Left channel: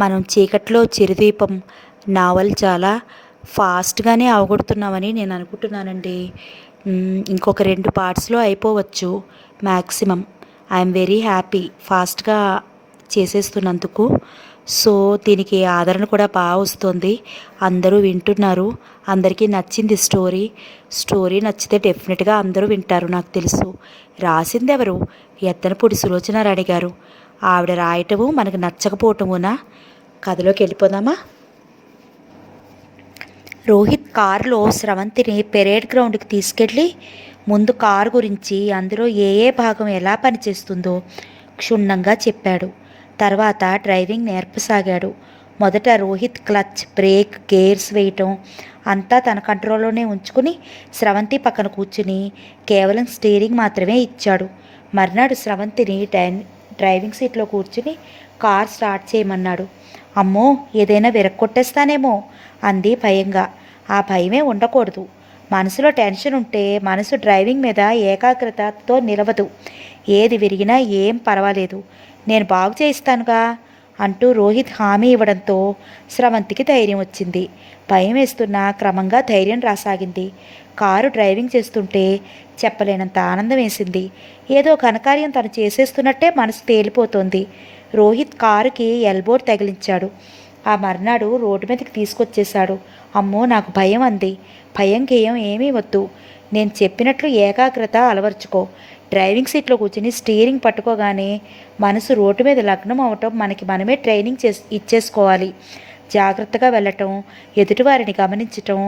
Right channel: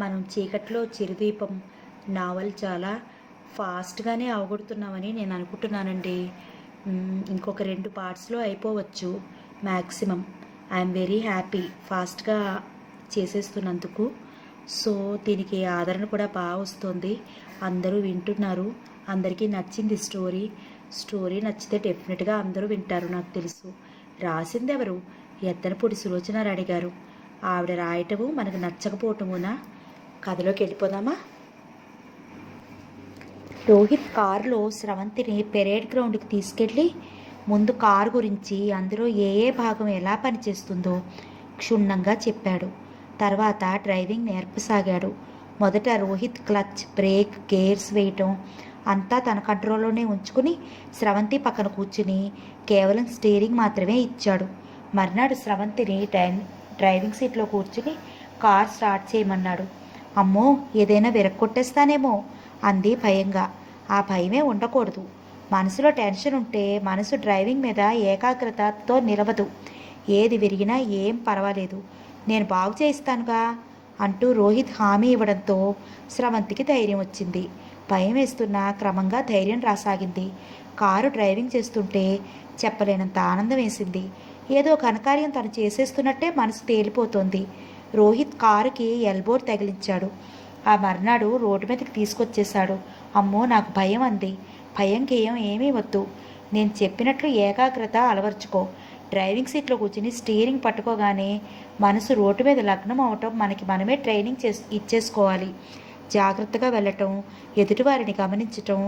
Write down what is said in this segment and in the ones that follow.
మనం చీకట్లో చిరుదీపం నావల్ చాలా ఫాస్ట్గానే అవగొడుతున్నామని నేను అనుకుంటున్నానండి. ఇంకొక 2 పార్ట్స్లో అయిపోవచ్చు మ్యాక్సిమం. ఐఎమ్ వెరీ హ్యాపీ ఫాస్ట్గా చేసేస్తున్నందుకు. సో దీనికి ఆదరణ కూడా బాగా వస్తుంది, అందరూ వింటున్నారు, అందరికీ నచ్చింది స్టోరీ నచ్చితే డెఫినెట్గా అందరూ వింటారు. నాకు తెలుసు. రాసింది ఎవరు? ఎద్దనపూడి సులోచన రాణి గారు. ఆవిడ రాయటము మనకు నచ్చకపోవటమునా? కథలోకి వెళ్ళిపోదామా? రోహిత్ కారులో స్రవంతిని పెరేడ్ గ్రౌండ్కి తీసుకెళ్ళి ముందు కారు గురించి, అందులో ఏ ఏ భాగం ఎలా పనిచేస్తుందో క్షుణ్ణంగా చెప్పాడు. తర్వాత డ్రైవింగ్ నేర్పసాగాడు. మొదట రోహిత్ క్లచ్, బ్రేక్, గేర్స్ వేయటం అంతా తన కంట్రోల్లోనే ఉంచుకుని స్రవంతి పక్కన కూర్చుని కేవలం స్టీరింగ్ మాత్రమే ఇచ్చాడు. మర్నాడు స్రవంతిని డ్రైవింగ్ సీట్లో కూర్చుని కార్ స్టార్ట్ చేయమన్నాడు. అమ్మో, ఏదైనా విరక్కొట్టేస్తానేమో అంది భయంగా. ఆ భయమే ఉండకూడదు. మనసులో టెన్షన్ ఉంటే మనసు డ్రైవింగ్ మీద ఏకాగ్రతతో నిలవదు. ఏది విరిగినా ఏం పర్వాలేదు, నేను బాగు చేయిస్తానుగా అంటూ రోహిత్ హామీ ఇవ్వడంతో స్రవంతికి ధైర్యం వచ్చింది. భయం వేస్తున్నా క్రమంగా ధైర్యం రాసాగింది. కారు డ్రైవింగ్ చేస్తుంటే చెప్పలేనంత ఆనందం వేసింది. ఏదో ఘనకార్యం తను చేసేస్తున్నట్టే మనసు తేలిపోతోంది. రోహిత్ కారుకి ఎల్బోర్డ్ తగిలించాడు. ఆ మర్నాడు రోడ్డు మీదకి తీసుకొచ్చేశాడు. అమ్మో, నాకు భయం అంది. భయం గేయం ఏమీ వద్దు, నేను చెప్పినట్లు ఏకాగ్రత అలవర్చుకో. డ్రైవింగ్ సీట్లో కూర్చుని స్టీరింగ్ పట్టుకోగానే మనసు రోడ్డు మీద లగ్నం అవటం మనకి మనమే ట్రైనింగ్ ఇచ్చేసుకోవాలి. జాగ్రత్తగా వెళ్ళటం, ఎదుటివారిని గమనించటం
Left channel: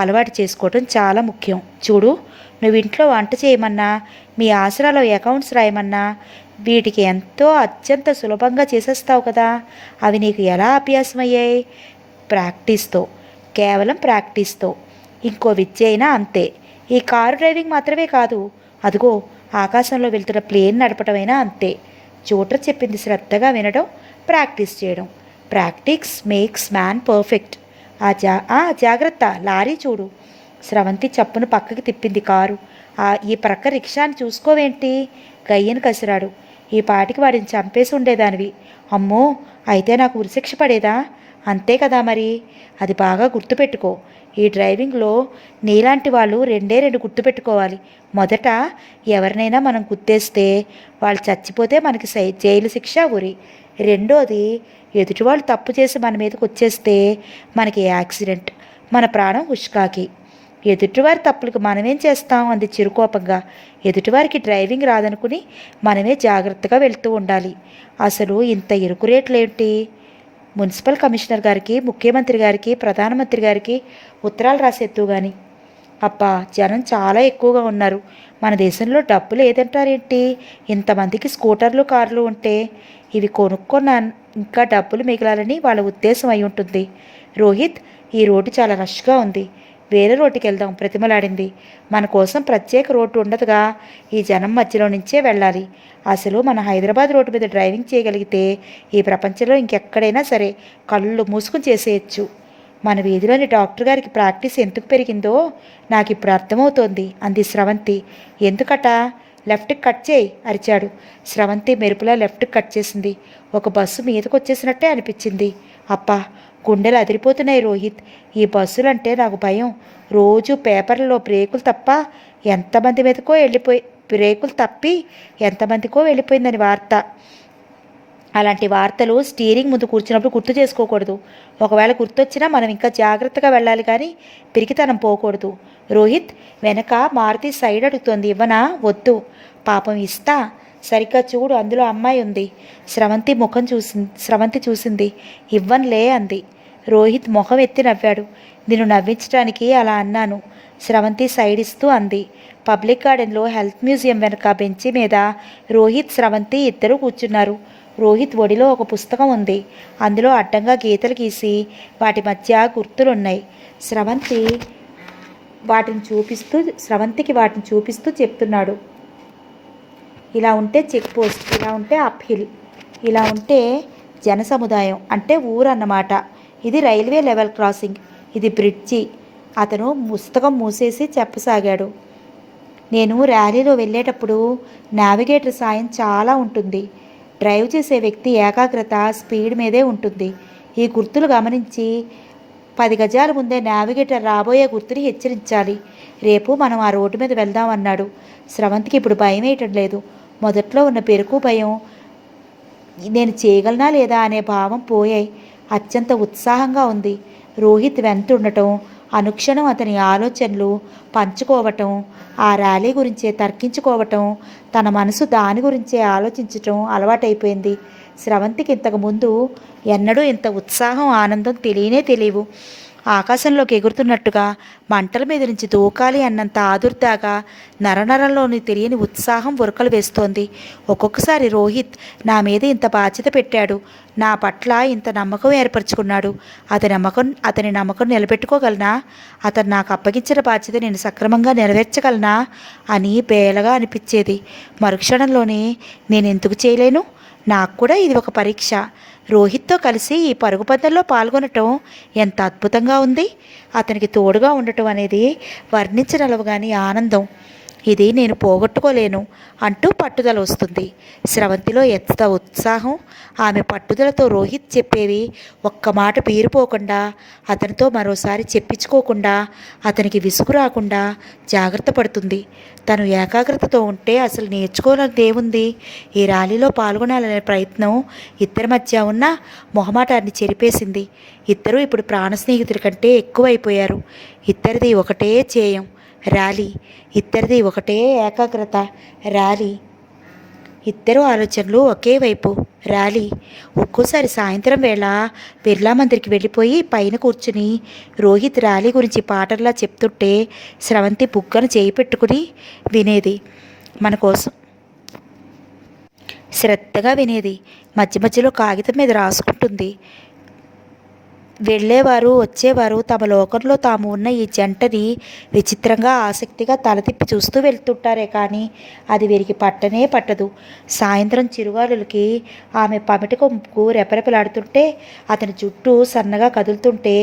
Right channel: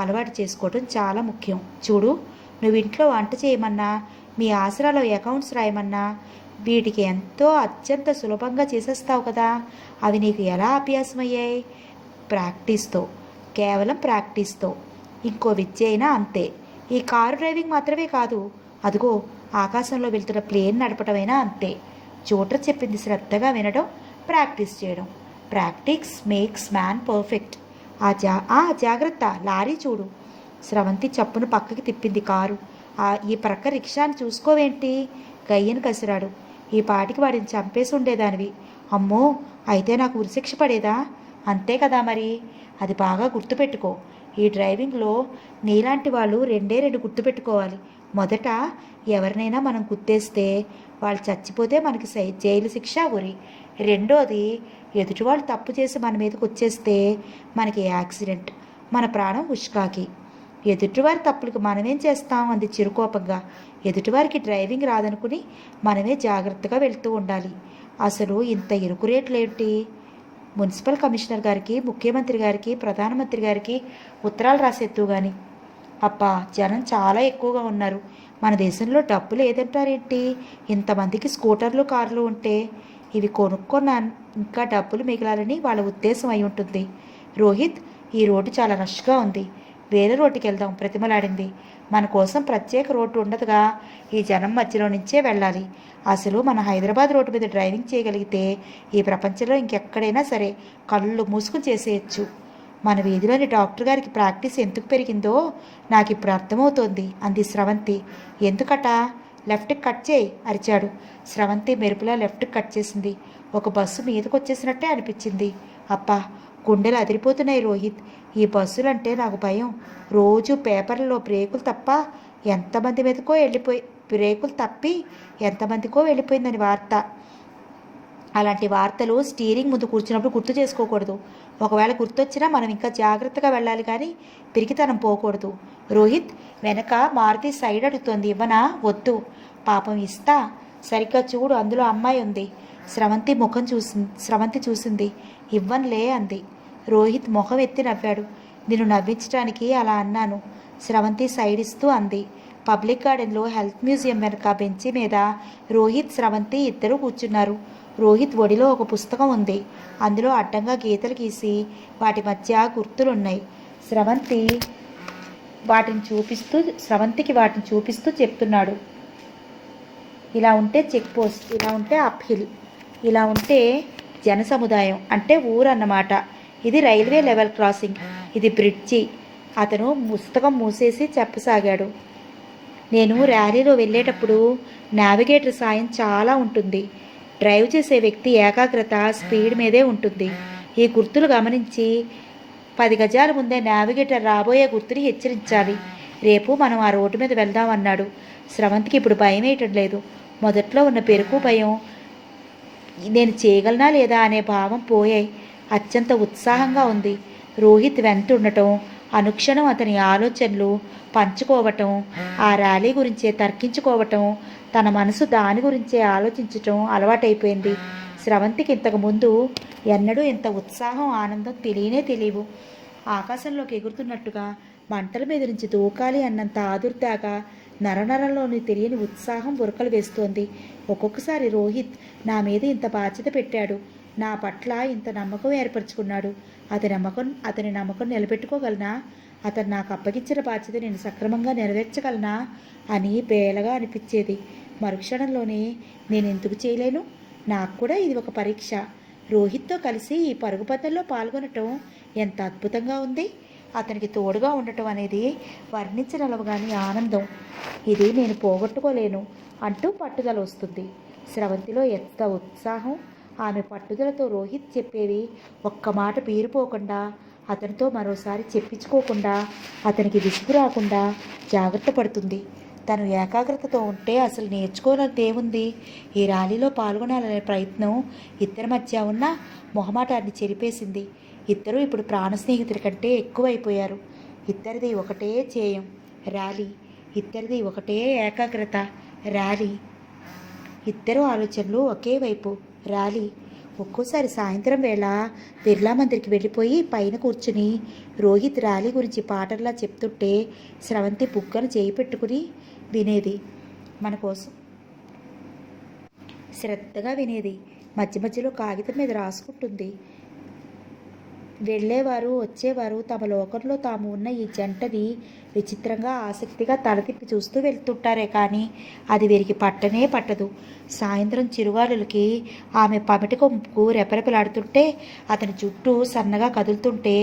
అలవాటు చేసుకోవటం చాలా ముఖ్యం. చూడు, నువ్వు ఇంట్లో వంట చేయమన్నా, మీ ఆసరాలో అకౌంట్స్ రాయమన్నా వీటికి ఎంతో అత్యంత సులభంగా చేసేస్తావు కదా. అవి నీకు ఎలా అభ్యాసమయ్యాయి? ప్రాక్టీస్తో, కేవలం ప్రాక్టీస్తో. ఇంకో విద్య అయినా అంతే. ఈ కారు డ్రైవింగ్ మాత్రమే కాదు, అదిగో ఆకాశంలో వెళ్తున్న ప్లేన్ నడపటమైనా అంతే. జోటర్ చెప్పింది శ్రద్ధగా వినడం, ప్రాక్టీస్ చేయడం. Practice makes man perfect. జాగ్రత్త, లారీ చూడు. స్రవంతి చప్పును పక్కకి తిప్పింది కారు. ఈ ప్రక్క రిక్షాని చూసుకోవేంటి? గయ్యను కసిరాడు. ఈ పాటికి వాడిని చంపేసి ఉండేదానివి. అమ్మో, అయితే నాకు ఉరిశిక్ష పడేదా? అంతే కదా మరి. అది బాగా గుర్తుపెట్టుకో. ఈ డ్రైవింగ్లో నీలాంటి వాళ్ళు 2 గుర్తుపెట్టుకోవాలి. మొదట, ఎవరినైనా మనం గుర్తేస్తే వాళ్ళు చచ్చిపోతే మనకి జైలు శిక్ష ఉరి. రెండోది, ఎదుటివాళ్ళు తప్పు చేసి మన మీదకి వచ్చేస్తే మనకి యాక్సిడెంట్, మన ప్రాణం హుష్కాకి. ఎదుటివారి తప్పులకు మనమేం చేస్తాం అంది చిరుకోపంగా. ఎదుటివారికి డ్రైవింగ్ రాదనుకుని మనమే జాగ్రత్తగా వెళ్తూ ఉండాలి. అసలు ఇంత ఇరుకు రేట్లేంటి? మున్సిపల్ కమిషనర్ గారికి, ముఖ్యమంత్రి గారికి, ప్రధానమంత్రి గారికి ఉత్తరాలు రాసేత్తు కానీ. అబ్బా, జనం చాలా ఎక్కువగా ఉన్నారు. మన దేశంలో డబ్బు లేదంటారేంటి? ఇంతమందికి స్కూటర్లు, కార్లు ఉంటే ఇవి కొనుక్కున్న ఇంకా డబ్బులు మిగలాలని వాళ్ళ ఉద్దేశం అయి ఉంటుంది. రోహిత్, ఈ రోడ్డు చాలా రష్గా ఉంది, వేరే రోడ్డుకి వెళ్దాం ప్రతిమలాడింది. మన కోసం ప్రత్యేక రోడ్డు ఉండదుగా, ఈ జనం మధ్యలో నుంచే వెళ్ళాలి. అసలు మన హైదరాబాద్ రోడ్డు మీద డ్రైవింగ్ చేయగలిగితే ఈ ప్రపంచంలో ఇంకెక్కడైనా సరే కళ్ళు మూసుకుని చేసేయచ్చు. మన వీధిలోని డాక్టర్ గారికి ప్రాక్టీస్ ఎందుకు పెరిగిందో నాకు ఇప్పుడు అర్థమవుతోంది అంది స్రవంతి. ఎందుకట? లెఫ్ట్కి కట్ చేయి అరిచాడు. స్రవంతి మెరుపులా లెఫ్ట్కి కట్ చేసింది. ఒక బస్సు మీదకు వచ్చేసినట్టే అనిపించింది. అబ్బా, గుండెలు అదిరిపోతున్నాయి రోహిత్. ఈ బస్సులంటే నాకు భయం. రోజు పేపర్లలో బ్రేకులు తప్పి ఎంతమందికో వెళ్ళిపోయిందని వార్త. అలాంటి వార్తలు స్టీరింగ్ ముందు కూర్చున్నప్పుడు గుర్తు చేసుకోకూడదు. ఒకవేళ గుర్తొచ్చినా మనం ఇంకా జాగ్రత్తగా వెళ్ళాలి, కానీ పిరికితనం పోకూడదు. రోహిత్, వెనక మారుతి సైడ్ అడుగుతోంది, ఇవ్వనా? వద్దు. పాపం, ఇస్తా. సరిగ్గా చూడు, అందులో అమ్మాయి ఉంది. స్రవంతి చూసింది. ఇవ్వన్లే అంది. రోహిత్ మొహం ఎత్తి నవ్వాడు. నిన్ను నవ్వించడానికి అలా అన్నాను. స్రవంతి సైడ్ ఇస్తూ అంది. పబ్లిక్ గార్డెన్లో హెల్త్ మ్యూజియం వెనక బెంచి మీద రోహిత్, స్రవంతి ఇద్దరూ కూర్చున్నారు. రోహిత్ ఒడిలో ఒక పుస్తకం ఉంది. అందులో అడ్డంగా గీతలు గీసి వాటి మధ్య గుర్తులున్నాయి. స్రవంతికి వాటిని చూపిస్తూ చెప్తున్నాడు. ఇలా ఉంటే చెక్ పోస్ట్, ఇలా ఉంటే అప్హిల్, ఇలా ఉంటే జన సముదాయం అంటే ఊరు అన్నమాట. ఇది రైల్వే లెవెల్ క్రాసింగ్, ఇది బ్రిడ్జి. అతను పుస్తకం మూసేసి చెప్పసాగాడు. నేను ర్యాలీలో వెళ్ళేటప్పుడు నావిగేటర్ సాయం చాలా ఉంటుంది. డ్రైవ్ చేసే వ్యక్తి ఏకాగ్రత, స్పీడ్ మీదే ఉంటుంది. ఈ గుర్తులు గమనించి 10 గజాల ముందే నావిగేటర్ రాబోయే గుర్తుని హెచ్చరించాలి. రేపు మనం ఆ రోడ్డు మీద వెళ్దామన్నాడు. స్రవంతికి ఇప్పుడు భయం వేయటం లేదు. మొదట్లో ఉన్న పెరుకు భయం, నేను చేయగలనా లేదా అనే భావం పోయాయి. అత్యంత ఉత్సాహంగా ఉంది. రోహిత్ వెంట ఉండటం, అనుక్షణం అతని ఆలోచనలు పంచుకోవటం, ఆ ర్యాలీ గురించే తర్కించుకోవటం, తన మనసు దాని గురించే ఆలోచించటం అలవాటైపోయింది. స్రవంతికి ఇంతకుముందు ఎన్నడూ ఇంత ఉత్సాహం ఆనందం తెలియవు. ఆకాశంలోకి ఎగురుతున్నట్టుగా మంటల మీద నుంచి దూకాలి అన్నంత ఆదుర్దాగా నరనరంలోని తెలియని ఉత్సాహం ఉరకలు వేస్తోంది. ఒక్కొక్కసారి రోహిత్ నా మీద ఇంత బాధ్యత పెట్టాడు, నా పట్ల ఇంత నమ్మకం ఏర్పరచుకున్నాడు, అతని నమ్మకం నిలబెట్టుకోగలనా, అతను నాకు అప్పగించిన బాధ్యత నేను సక్రమంగా నెరవేర్చగలనా అని బేలగా అనిపించేది. మరుక్షణంలోనే నేను ఎందుకు చేయలేను, నాకు కూడా ఇది ఒక పరీక్ష, రోహిత్తో కలిసి ఈ పరుగు పందెంలో పాల్గొనటం ఎంత అద్భుతంగా ఉంది, అతనికి తోడుగా ఉండటం అనేది వర్ణించగలవగాని ఆనందం, ఇది నేను పోగొట్టుకోలేను అంటూ పట్టుదల వస్తుంది. స్రవంతిలో ఎంత ఉత్సాహం! ఆమె పట్టుదలతో రోహిత్ చెప్పేవి ఒక్క మాట పీరిపోకుండా, అతనితో మరోసారి చెప్పించుకోకుండా, అతనికి విసుగు రాకుండా జాగ్రత్త పడుతుంది. తను ఏకాగ్రతతో ఉంటే అసలు నేర్చుకోవాలని దేవుంది. ఈ ర్యాలీలో పాల్గొనాలనే ప్రయత్నం ఇద్దరి మధ్య ఉన్న మొహమాటాన్ని చెరిపేసింది. ఇద్దరూ ఇప్పుడు ప్రాణ స్నేహితుల కంటే ఎక్కువైపోయారు. ఇద్దరిది ఒకటే ధ్యేయం, ర్యాలీ. ఇద్దరిది ఒకటే ఏకాగ్రత, ర్యాలీ. ఇద్దరు ఆలోచనలు ఒకే వైపు, ర్యాలీ. ఒక్కోసారి సాయంత్రం వేళ బిర్లా మందిర్కి వెళ్ళిపోయి పైన కూర్చుని రోహిత్ ర్యాలీ గురించి పాటల్లా చెప్తుంటే స్రవంతి బుగ్గను చేయి పెట్టుకుని వినేది. మన కోసం శ్రద్ధగా వినేది. మధ్య మధ్యలో కాగితం మీద రాసుకుంటుంది. వెళ్ళేవారు వచ్చేవారు తమ లోకంలో తాము ఉన్న ఈ జంటని విచిత్రంగా ఆసక్తిగా తలతిప్పి చూస్తూ వెళ్తుంటారే కానీ అది వీరికి పట్టనే పట్టదు. సాయంత్రం చిరుగాలులకి ఆమె పమిటి కొమ్ముకు రెపరెపలాడుతుంటే, అతని జుట్టు సన్నగా కదులుతుంటే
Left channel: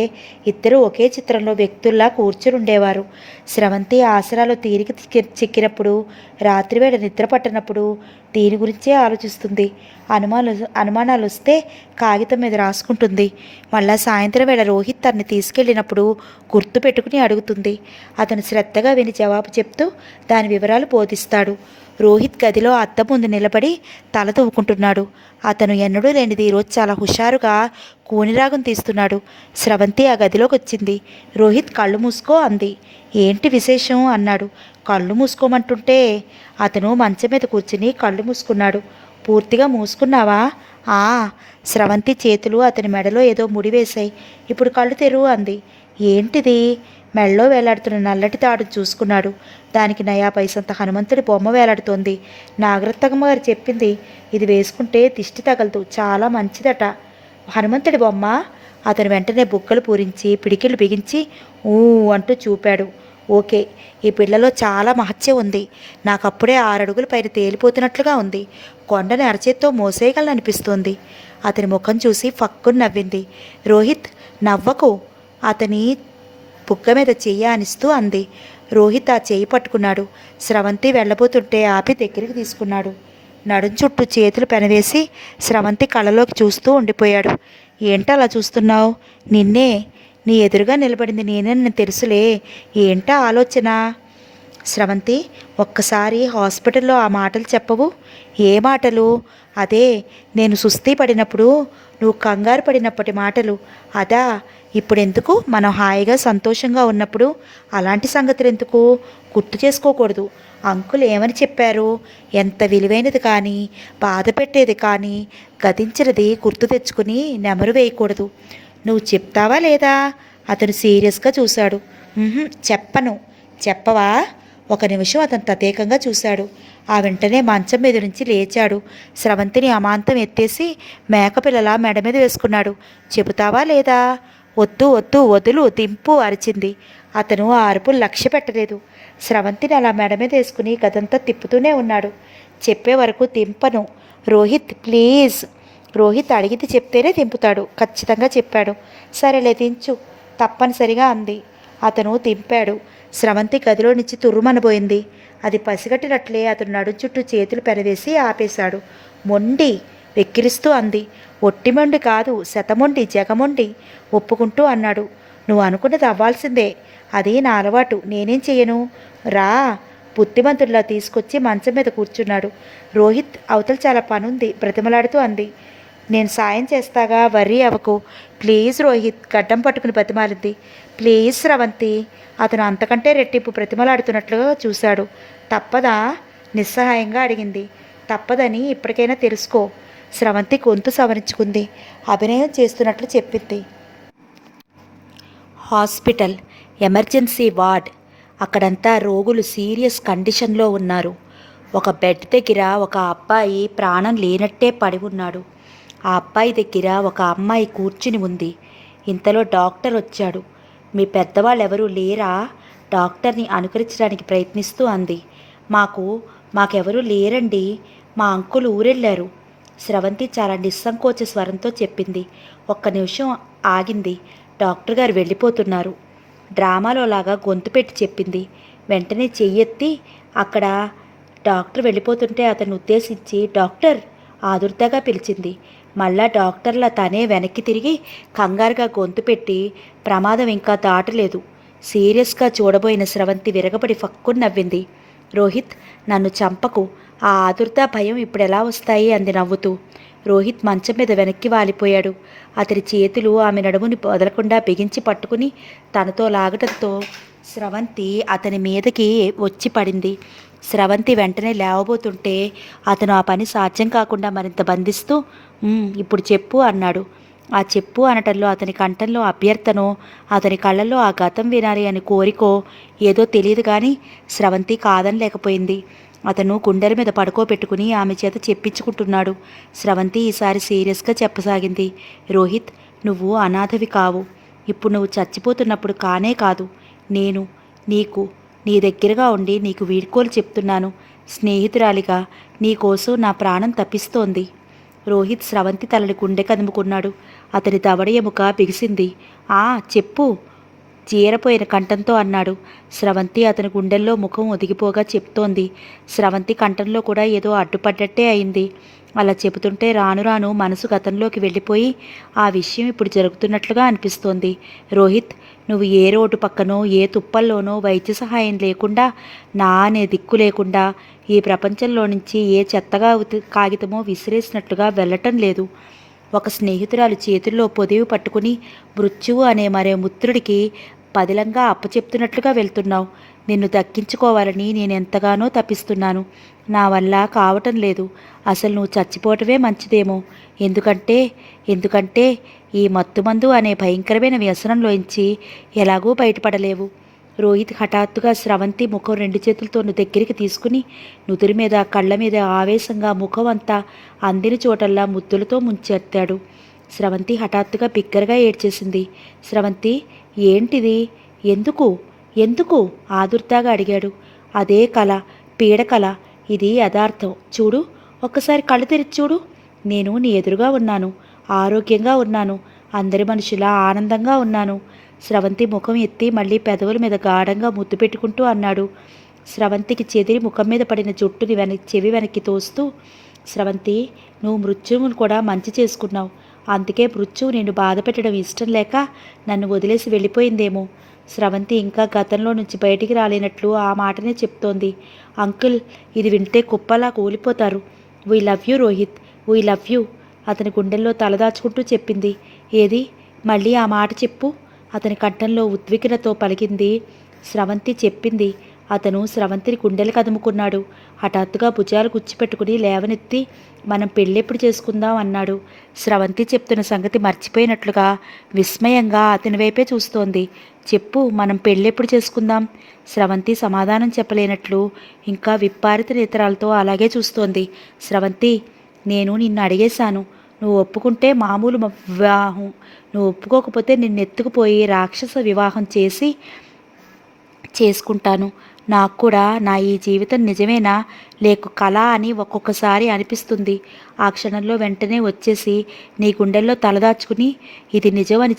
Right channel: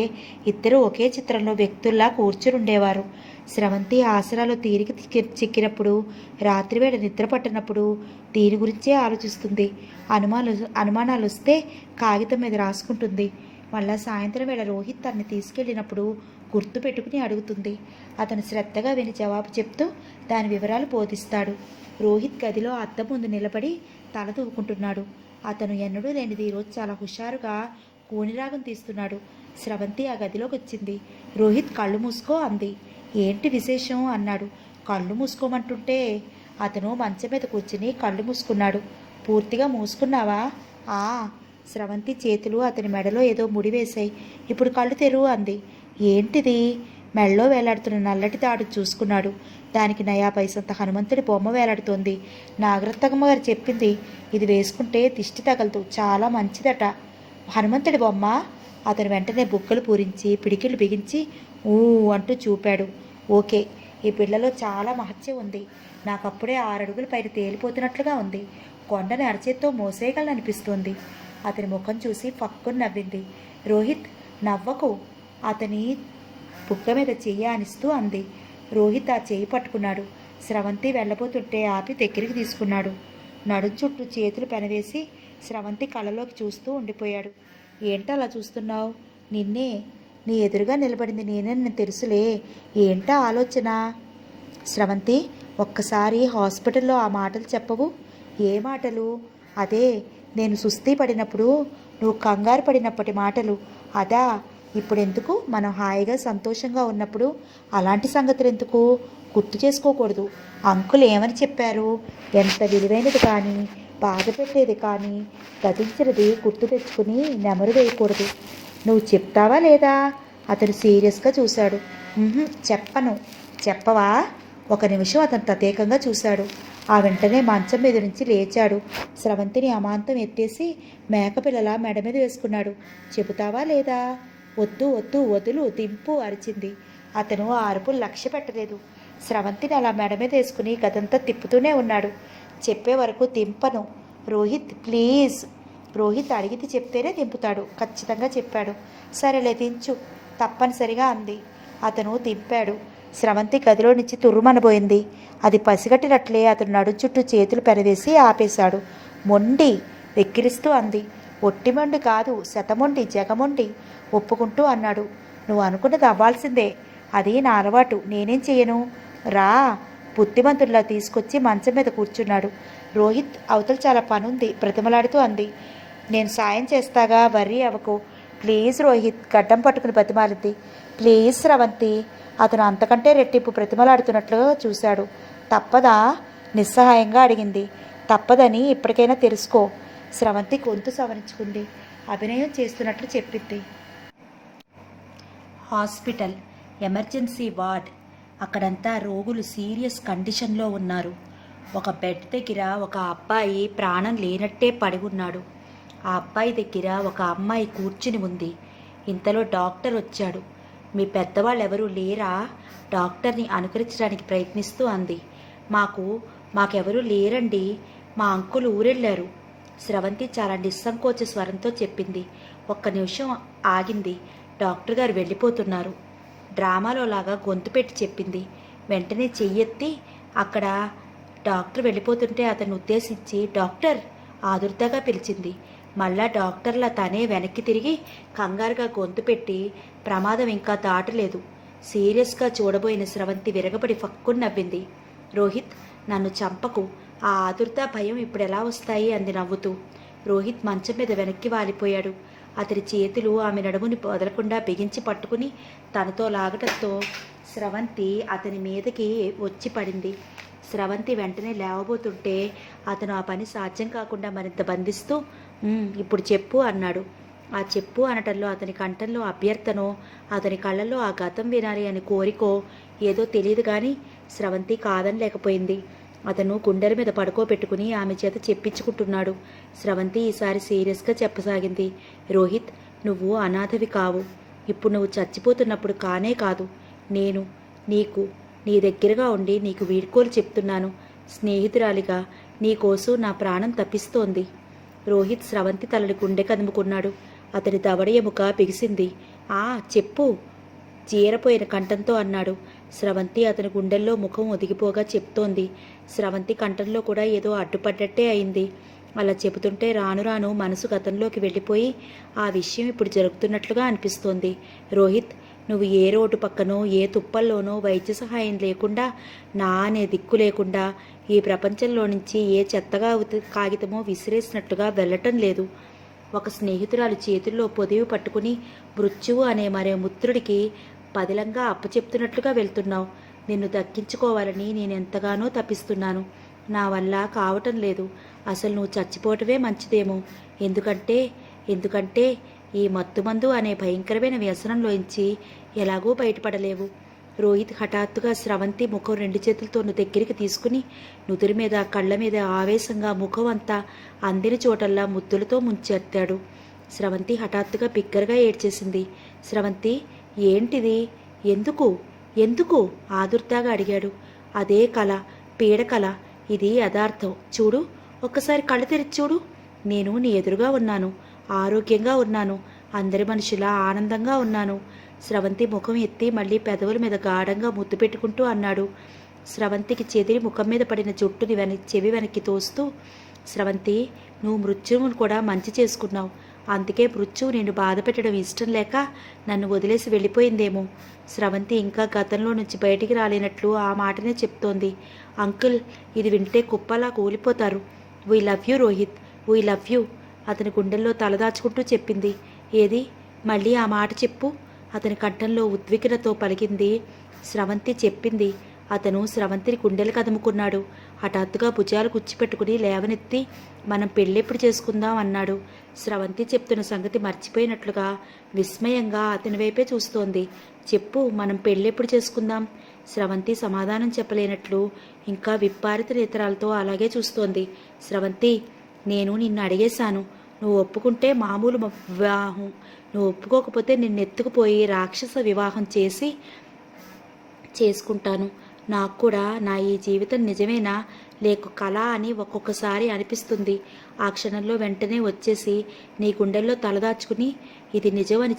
ఇద్దరు ఒకే చిత్రంలో వ్యక్తుల్లా కూర్చుని ఉండేవారు. స్రవంతి ఆసరాలో తీరిక చిక్కినప్పుడు, రాత్రివేళ నిద్ర పట్టినప్పుడు దీని గురించే ఆలోచిస్తుంది. అనుమానాలు వస్తే కాగితం మీద రాసుకుంటుంది. మళ్ళా సాయంత్రం వేళ రోహిత్ తనని తీసుకెళ్ళినప్పుడు గుర్తు పెట్టుకుని అడుగుతుంది. అతను శ్రద్ధగా విని జవాబు చెప్తూ దాని వివరాలు బోధిస్తాడు. రోహిత్ గదిలో అద్దం ముందు నిలబడి తల తవ్వుకుంటున్నాడు. అతను ఎన్నడూ లేనిది ఈరోజు చాలా హుషారుగా కూనిరాగం తీస్తున్నాడు. స్రవంతి ఆ గదిలోకి వచ్చింది. రోహిత్ కళ్ళు మూసుకో అంది. ఏంటి విశేషం అన్నాడు. కళ్ళు మూసుకోమంటుంటే అతను మంచం మీద కూర్చుని కళ్ళు మూసుకున్నాడు. పూర్తిగా మూసుకున్నావా? ఆ. స్రవంతి చేతులు అతని మెడలో ఏదో ముడివేశాయి. ఇప్పుడు కళ్ళు తెరువు అంది. ఏంటిది? మెడలో వేలాడుతున్న నల్లటి తాడు చూసుకున్నాడు. దానికి నయా పైసంత హనుమంతుడి బొమ్మ వేలాడుతోంది. నాగరత్నమ్మ గారు చెప్పింది, ఇది వేసుకుంటే దిష్టి తగలదు, చాలా మంచిదట. హనుమంతుడి బొమ్మ? అతను వెంటనే బుగ్గలు పూరించి పిడికిళ్ళు బిగించి ఊ అంటూ చూపాడు. ఓకే, ఈ పిల్లలో చాలా మహత్యం ఉంది. నాకప్పుడే 6 అడుగుల పైన తేలిపోతున్నట్లుగా ఉంది. కొండని అరచేత్తో మోసేయగలనిపిస్తోంది. అతని ముఖం చూసి ఫక్కుని నవ్వింది. రోహిత్, నవ్వకు, అతని బుగ్గ మీద చెయ్యి ఆనిస్తూ అంది. రోహిత్ ఆ చెయ్యి పట్టుకున్నాడు. స్రవంతి వెళ్ళబోతుంటే ఆపి దగ్గరికి తీసుకున్నాడు. నడుం చుట్టూ చేతులు పెనవేసి స్రవంతి కళ్ళలోకి చూస్తూ ఉండిపోయాడు. ఏంటలా చూస్తున్నావు? నిన్నే. నీ ఎదురుగా నిలబడింది నేనే తెలుసులే. ఏంటా ఆలోచన? స్రవంతి, ఒక్కసారి హాస్పిటల్లో ఆ మాటలు చెప్పవు? ఏ మాటలు? అదే, నేను సుస్థి పడినప్పుడు నువ్వు కంగారు పడినప్పటి మాటలు. అదా? ఇప్పుడెందుకు? మనం హాయిగా సంతోషంగా ఉన్నప్పుడు అలాంటి సంగతులు ఎందుకు? గుర్తు చేసుకోకూడదు. అంకుల్ ఏమని చెప్పారు? ఎంత విలువైనది కానీ బాధ పెట్టేది కానీ గతించినది గుర్తు తెచ్చుకుని నెమరు వేయకూడదు. నువ్వు చెప్తావా లేదా? అతను సీరియస్గా చూశాడు. చెప్పను. చెప్పవా? ఒక నిమిషం అతను తదేకంగా చూశాడు. ఆ వెంటనే మంచం మీద నుంచి లేచాడు. స్రవంతిని అమాంతం ఎత్తేసి మేకపిల్లలా మెడ మీద వేసుకున్నాడు. చెబుతావా లేదా? వద్దు వద్దు, వదులు, దింపు అరిచింది. అతను ఆ అరుపులు లక్ష్య పెట్టలేదు. స్రవంతిని అలా మెడ మీద వేసుకుని గదంతా తిప్పుతూనే ఉన్నాడు. చెప్పే వరకు దింపను. రోహిత్ ప్లీజ్. రోహిత్ అడిగితే చెప్తేనే దింపుతాడు. ఖచ్చితంగా చెప్పాడు. సరేలే దించు, తప్పనిసరిగా అంది. అతను దింపాడు. స్రవంతి గదిలో నుంచి తుర్రుమనబోయింది. అది పసిగట్టినట్లే అతను నడు చుట్టూ చేతులు పెనవేసి ఆపేశాడు. మొండి, వెక్కిరిస్తూ అంది. ఒట్టిమొండి కాదు, శతమొండి జగమొండి ఒప్పుకుంటూ అన్నాడు. నువ్వు అనుకున్నది అవ్వాల్సిందే. అది నా అలవాటు, నేనేం చెయ్యను. రా. బుద్ధిమంతుల్లా తీసుకొచ్చి మంచం మీద కూర్చున్నాడు. రోహిత్ అవతల చాలా పనుంది బ్రతిమలాడుతూ అంది. నేను సాయం చేస్తాగా, వర్రీ అవ్వకు. ప్లీజ్ రోహిత్, గడ్డం పట్టుకుని బతిమాలింది. ప్లీజ్ స్రవంతి. అతను అంతకంటే రెట్టింపు బ్రతిమలాడుతున్నట్లుగా చూశాడు. తప్పదా? నిస్సహాయంగా అడిగింది. తప్పదని ఇప్పటికైనా తెలుసుకో. స్రవంతి గొంతు సవరించుకుంది. అభినయం చేస్తున్నట్లు చెప్పింది. Hospital, emergency ward. అక్కడంతా రోగులు సీరియస్ కండిషన్లో ఉన్నారు. ఒక బెడ్ దగ్గర ఒక అబ్బాయి ప్రాణం లేనట్టే పడి ఉన్నాడు. ఆ అబ్బాయి దగ్గర ఒక అమ్మాయి కూర్చుని ఉంది. ఇంతలో డాక్టర్ వచ్చాడు. మీ పెద్దవాళ్ళు ఎవరూ లేరా? డాక్టర్ని అనుకరించడానికి ప్రయత్నిస్తూ అంది. మాకెవరూ లేరండి, మా అంకుల్ ఊరెళ్ళారు. స్రవంతి చాలా నిస్సంకోచ స్వరంతో చెప్పింది. ఒక్క నిమిషం ఆగింది. డాక్టర్ గారు వెళ్ళిపోతున్నారు. డ్రామాలో లాగా గొంతు పెట్టి చెప్పింది. వెంటనే చెయ్యెత్తి అక్కడ డాక్టర్ వెళ్ళిపోతుంటే అతన్ని ఉద్దేశించి డాక్టర్ ఆదుర్దాగా పిలిచింది. మళ్ళా డాక్టర్లా తనే వెనక్కి తిరిగి కంగారుగా గొంతు పెట్టి ప్రమాదం ఇంకా దాటలేదు. సీరియస్గా చూడబోయిన స్రవంతి విరగబడి ఫక్కుని నవ్వింది. రోహిత్, నన్ను చంపకు. ఆ ఆదుర్దా భయం ఇప్పుడెలా వస్తాయి అంది నవ్వుతూ. రోహిత్ మంచం మీద వెనక్కి వాలిపోయాడు. అతని చేతులు ఆమె నడుముని వదలకుండా బిగించి పట్టుకుని తనతో లాగటంతో స్రవంతి అతని మీదకి వచ్చి పడింది. స్రవంతి వెంటనే లేవబోతుంటే అతను ఆ పని సాధ్యం కాకుండా మరింత బంధిస్తూ ఇప్పుడు చెప్పు అన్నాడు. ఆ చెప్పు అనటంలో అతని కంఠంలో అభ్యర్థనో అతని కళ్ళల్లో ఆ గతం వినాలి అని కోరికో ఏదో తెలియదు కానీ స్రవంతి కాదనలేకపోయింది. అతను గుండెల మీద పడుకోబెట్టుకుని ఆమె చేత చెప్పించుకుంటున్నాడు. స్రవంతి ఈసారి సీరియస్గా చెప్పసాగింది. రోహిత్, నువ్వు అనాథవి కావు. ఇప్పుడు నువ్వు చచ్చిపోతున్నప్పుడు కానే కాదు, నేను నీ దగ్గరగా ఉండి నీకు వీడ్కోలు చెప్తున్నాను. స్నేహితురాలిగా నీకోసం నా ప్రాణం తప్పిస్తోంది. రోహిత్ స్రవంతి తలని గుండె కదుముకున్నాడు. అతని దవడ ఎముక బిగిసింది. చెప్పు, జీరపోయిన కంఠంతో అన్నాడు. స్రవంతి అతని గుండెల్లో ముఖం ఒదిగిపోగా చెప్తోంది. స్రవంతి కంఠంలో కూడా ఏదో అడ్డుపడ్డట్టే అయింది. అలా చెబుతుంటే రాను రాను మనసు గతంలోకి వెళ్ళిపోయి ఆ విషయం ఇప్పుడు జరుగుతున్నట్లుగా అనిపిస్తోంది. రోహిత్, నువ్వు ఏ రోడ్డు పక్కనో ఏ తుప్పల్లోనో వైద్య సహాయం లేకుండా, నా అనే దిక్కు లేకుండా ఈ ప్రపంచంలో నుంచి ఏ చెత్తగా కాగితమో విసిరేసినట్లుగా వెళ్ళటం లేదు. ఒక స్నేహితురాలు చేతుల్లో పొదివి పట్టుకుని మృత్యువు అనే మరే ముత్రుడికి పదిలంగా అప్పచెప్తున్నట్లుగా వెళ్తున్నావు. నిన్ను దక్కించుకోవాలని నేను ఎంతగానో తప్పిస్తున్నాను. నా వల్ల కావటం లేదు. అసలు నువ్వు చచ్చిపోవటమే మంచిదేమో. ఎందుకంటే ఈ మత్తుమందు అనే భయంకరమైన వ్యసనంలోంచి ఎలాగూ బయటపడలేవు. రోహిత్ హఠాత్తుగా స్రవంతి ముఖం రెండు చేతులతో దగ్గరికి తీసుకుని నుదురి మీద కళ్ళ మీద ఆవేశంగా ముఖం అంతా అందిన చోటల్లా ముద్దులతో ముంచెత్తాడు. స్రవంతి హఠాత్తుగా బిగ్గరగా ఏడ్చేసింది. స్రవంతి, ఏంటిది? ఎందుకు ఆదుర్దాగా అడిగాడు. అదే కళ, పీడకళ. ఇది యథార్థం. చూడు, ఒక్కసారి కళ్ళు తెరిచి చూడు. నేను నీ ఎదురుగా ఉన్నాను, ఆరోగ్యంగా ఉన్నాను, అందరి మనుషులా ఆనందంగా ఉన్నాను. స్రవంతి ముఖం ఎత్తి మళ్ళీ పెదవుల మీద గాఢంగా ముద్దు పెట్టుకుంటూ అన్నాడు. స్రవంతికి చెదిరి ముఖం మీద పడిన జుట్టుని చెవి వెనక్కి తోస్తూ, స్రవంతి, నువ్వు మృత్యువును కూడా మంచి చేసుకున్నావు. అందుకే మృత్యువు నిన్ను బాధ పెట్టడం ఇష్టం లేక నన్ను వదిలేసి వెళ్ళిపోయిందేమో. స్రవంతి ఇంకా గతంలో నుంచి బయటికి రాలేనట్లు ఆ మాటనే చెప్తోంది. అంకుల్, ఇది వింటే కుప్పలా కూలిపోతారు. We love you Rohit, we love you. అతని గుండెల్లో తలదాచుకుంటూ చెప్పింది. ఏది? మళ్ళీ ఆ మాట చెప్పు. అతని కంఠంలో ఉద్విగ్నతో పలికింది. స్రవంతి చెప్పింది. అతను స్రవంతిని గుండెలు కదుముకున్నాడు. హఠాత్తుగా భుజాలు గుచ్చిపెట్టుకుని లేవనెత్తి, మనం పెళ్ళెప్పుడు చేసుకుందాం అన్నాడు. స్రవంతి చెప్తున్న సంగతి మర్చిపోయినట్లుగా విస్మయంగా అతని వైపే చూస్తోంది. చెప్పు, మనం పెళ్ళెప్పుడు చేసుకుందాం? స్రవంతి సమాధానం చెప్పలేనట్లు ఇంకా విప్పారిత నేత్రాలతో అలాగే చూస్తోంది. స్రవంతి, నేను నిన్ను అడిగేశాను. నువ్వు ఒప్పుకుంటే మామూలు వివాహం, నువ్వు ఒప్పుకోకపోతే నిన్నెత్తుకుపోయి రాక్షస వివాహం చేసుకుంటాను. నాకు కూడా నా ఈ జీవితం నిజమేనా లేక కళ అని ఒక్కొక్కసారి అనిపిస్తుంది. ఆ క్షణంలో వెంటనే వచ్చేసి నీ గుండెల్లో తలదాచుకుని ఇది నిజమని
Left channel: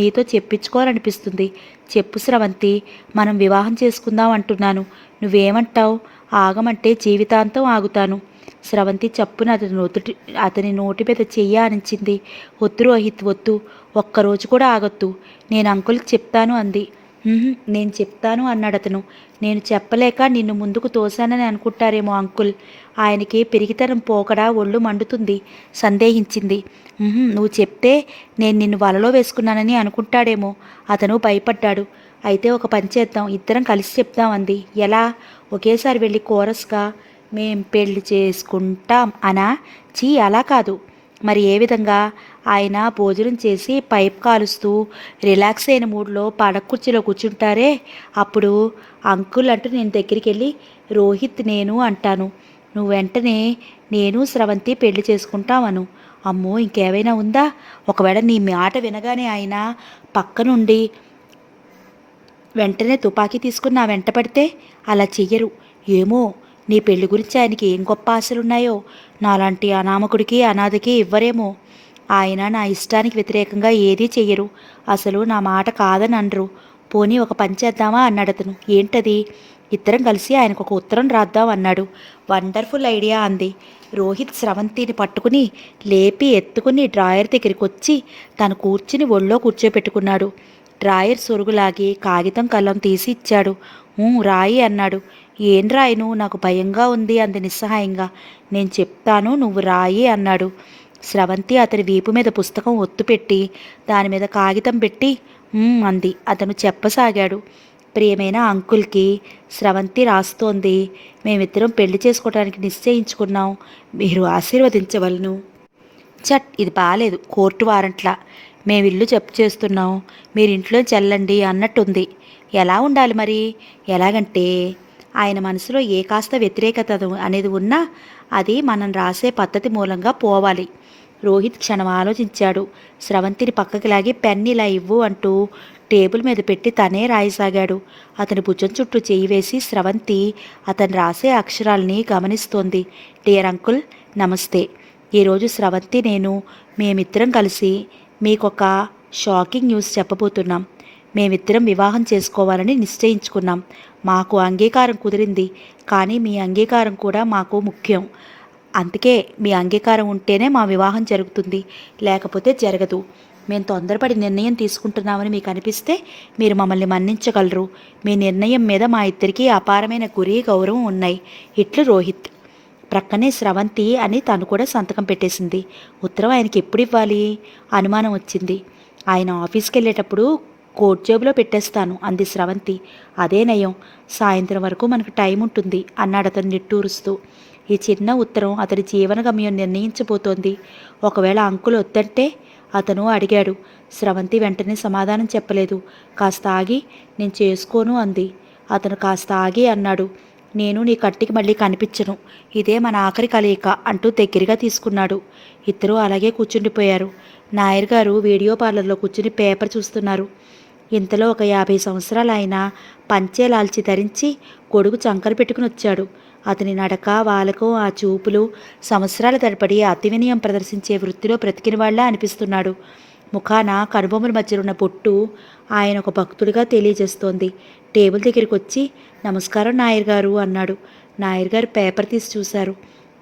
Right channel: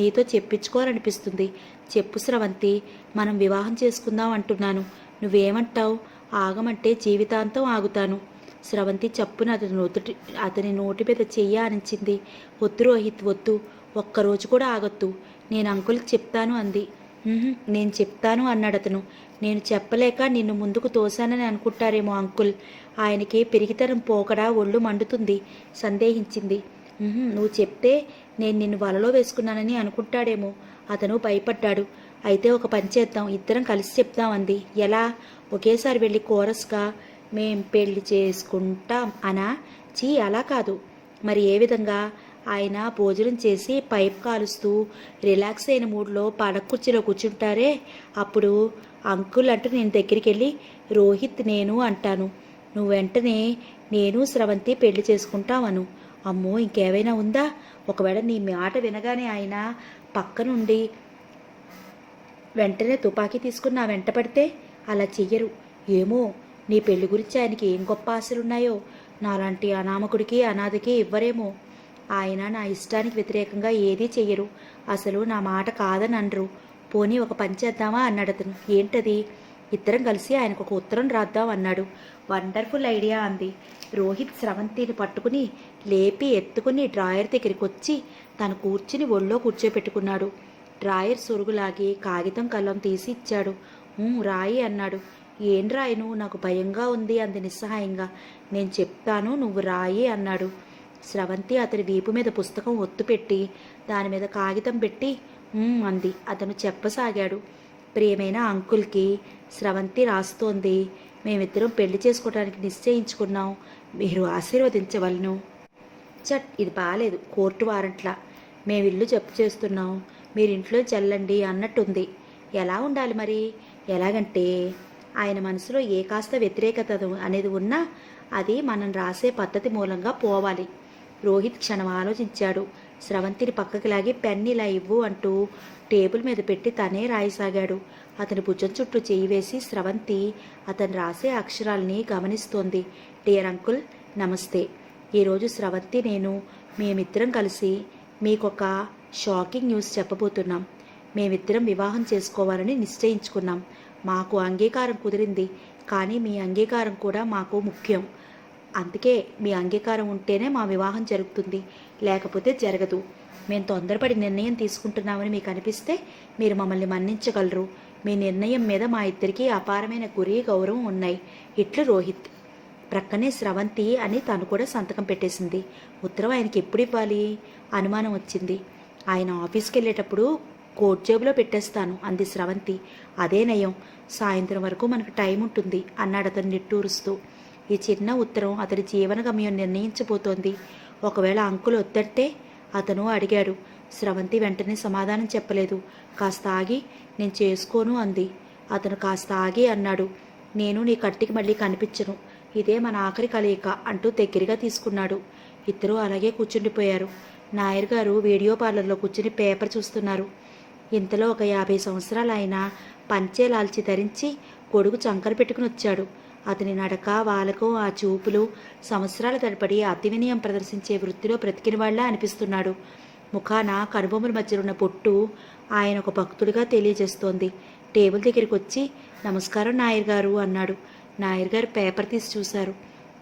నీతో చెప్పించుకోవాలనిపిస్తుంది. చెప్పు స్రవంతి, మనం వివాహం చేసుకుందాం అంటున్నాను. నువ్వేమంటావు? ఆగమంటే జీవితాంతం ఆగుతాను. స్రవంతి చప్పున అతని నోటి మీద చెయ్యి ఆనించింది. వద్దు రోహిత్, వద్దు, ఒక్కరోజు కూడా ఆగొద్దు. నేను అంకుల్కి చెప్తాను అంది. నేను చెప్తాను అన్నాడు అతను. నేను చెప్పలేక నిన్ను ముందుకు తోశానని అనుకుంటారేమో అంకుల్. ఆయనకి పెరిగితనం పోకడా ఒళ్ళు మండుతుంది సందేహించింది. నువ్వు చెప్తే నేను నిన్ను వలలో వేసుకున్నానని అనుకుంటాడేమో. అతను భయపడ్డాడు. అయితే ఒక పని చేద్దాం, ఇద్దరం కలిసి చెప్దాం అంది. ఎలా? ఒకేసారి వెళ్ళి కోరస్గా మేం పెళ్లి చేసుకుంటాం అనా? చీ, అలా కాదు. మరి ఏ విధంగా? ఆయన భోజనం చేసి పైప్ కాలుస్తూ రిలాక్స్ అయిన మూడ్లో పడకుర్చీలో కూర్చుంటారే, అప్పుడు అంకుల్ అంటూ నేను దగ్గరికి వెళ్ళి రోహిత్ నేను అంటాను. నువ్వు వెంటనే నేను స్రవంతి పెళ్లి చేసుకుంటామను. అమ్మో, ఇంకేమైనా ఉందా? ఒకవేళ నీ మాట వినగానే ఆయన పక్క నుండి వెంటనే తుపాకీ తీసుకుని నా వెంట పడితే? అలా చెయ్యరు. ఏమో, నీ పెళ్లి గురించి ఆయనకి ఏం గొప్ప ఆశలున్నాయో నాలాంటి అనామకుడికి అనాథకి ఇవ్వరేమో. ఆయన నా ఇష్టానికి వ్యతిరేకంగా ఏదీ చెయ్యరు. అసలు నా మాట కాదని అనరు. పోనీ ఒక పని చేద్దామా అన్నాడు అతను. ఏంటది? ఇద్దరం కలిసి ఆయనకు ఒక ఉత్తరం రాద్దాం అన్నాడు. వండర్ఫుల్ ఐడియా అంది. రోహిత్ స్రవంతిని పట్టుకుని లేపి ఎత్తుకుని డ్రాయర్ దగ్గరికి వచ్చి తను కూర్చుని ఒళ్ళో కూర్చోపెట్టుకున్నాడు. డ్రాయర్ సొరుగులాగి కాగితం కళ్ళం తీసి ఇచ్చాడు. రాయి అన్నాడు. ఏం రాయను, నాకు భయంగా ఉంది అంది నిస్సహాయంగా. నేను చెప్తాను, నువ్వు రాయి అన్నాడు. స్రవంతి అతని వీపు మీద పుస్తకం ఒత్తుపెట్టి దాని మీద కాగితం పెట్టి అంది. అతను చెప్పసాగాడు. ప్రియమైన అంకుల్కి స్రవంతి రాస్తోంది. మేమిద్దరం పెళ్లి చేసుకోవడానికి నిశ్చయించుకున్నాం. మీరు ఆశీర్వదించవలను. చట్, ఇది బాలేదు. కోర్టు వారంట్లా. మేమిల్లు జప్తు చేస్తున్నాం, మీరింట్లో చెల్లండి అన్నట్టుంది. ఎలా ఉండాలి మరి? ఎలాగంటే ఆయన మనసులో ఏ కాస్త వ్యతిరేకత అనేది ఉన్నా అది మనం రాసే పద్ధతి మూలంగా పోవాలి. రోహిత్ క్షణం ఆలోచించాడు. స్రవంతిని పక్కకి లాగి పెన్ ఇలా ఇవ్వు అంటూ టేబుల్ మీద పెట్టి తనే రాయసాగాడు. అతని భుజం చుట్టూ చేయి వేసి స్రవంతి అతను రాసే అక్షరాల్ని గమనిస్తోంది. డియర్ అంకుల్, నమస్తే. ఈరోజు స్రవంతి మేమిద్దరం కలిసి మీకొక షాకింగ్ న్యూస్ చెప్పబోతున్నాం. మేమిద్దరం వివాహం చేసుకోవాలని నిశ్చయించుకున్నాం. మాకు అంగీకారం కుదిరింది, కానీ మీ అంగీకారం కూడా మాకు ముఖ్యం. అందుకే మీ అంగీకారం ఉంటేనే మా వివాహం జరుగుతుంది, లేకపోతే జరగదు. మేము తొందరపడి నిర్ణయం తీసుకుంటున్నామని మీకు అనిపిస్తే మీరు మమ్మల్ని మన్నించగలరు. మీ నిర్ణయం మీద మా ఇద్దరికీ అపారమైన గురి, గౌరవం ఉన్నాయి. ఇట్లు రోహిత్. ప్రక్కనే స్రవంతి అని తను కూడా సంతకం పెట్టేసింది. ఉత్తరం ఆయనకి ఎప్పుడు ఇవ్వాలి? అనుమానం వచ్చింది. ఆయన ఆఫీస్కి వెళ్ళేటప్పుడు కోట్ జేబులో పెట్టేస్తాను అంది స్రవంతి. అదే నయం, సాయంత్రం వరకు మనకు టైం ఉంటుంది అన్నాడు అతను నిట్టూరుస్తూ. ఈ చిన్న ఉత్తరం అతని జీవన గమ్యం నిర్ణయించబోతోంది. ఒకవేళ అంకుల్ వద్దంటే? అతను అడిగాడు. స్రవంతి వెంటనే సమాధానం చెప్పలేదు. కాస్త ఆగి నేను చేసుకోను అంది. అతను కాస్త ఆగి అన్నాడు, నేను నీ కంటికి మళ్ళీ కనిపించను. ఇదే మన ఆఖరి కలయిక అంటూ దగ్గరగా తీసుకున్నాడు. ఇద్దరూ అలాగే కూర్చుండిపోయారు. నాయర్ గారు వీడియో పార్లర్లో కూర్చుని పేపర్ చూస్తున్నారు. ఇంతలో ఒక 50 సంవత్సరాలు ఆయన పంచే లాల్చి ధరించి గొడుగు చంకన పెట్టుకుని వచ్చాడు. అతని నడక, వాలకం, ఆ చూపులు సంవత్సరాల తరబడి అతి వినయం ప్రదర్శించే వృత్తిలో బ్రతికిన వాళ్ళ అనిపిస్తున్నాడు. ముఖాన కనుబొమ్మల మధ్య ఉన్న పొట్టు ఆయన ఒక భక్తుడిగా తెలియజేస్తోంది. టేబుల్ దగ్గరికి వచ్చి నమస్కారం నాయర్ గారు అన్నాడు. నాయర్ గారు పేపర్ తీసి చూశారు.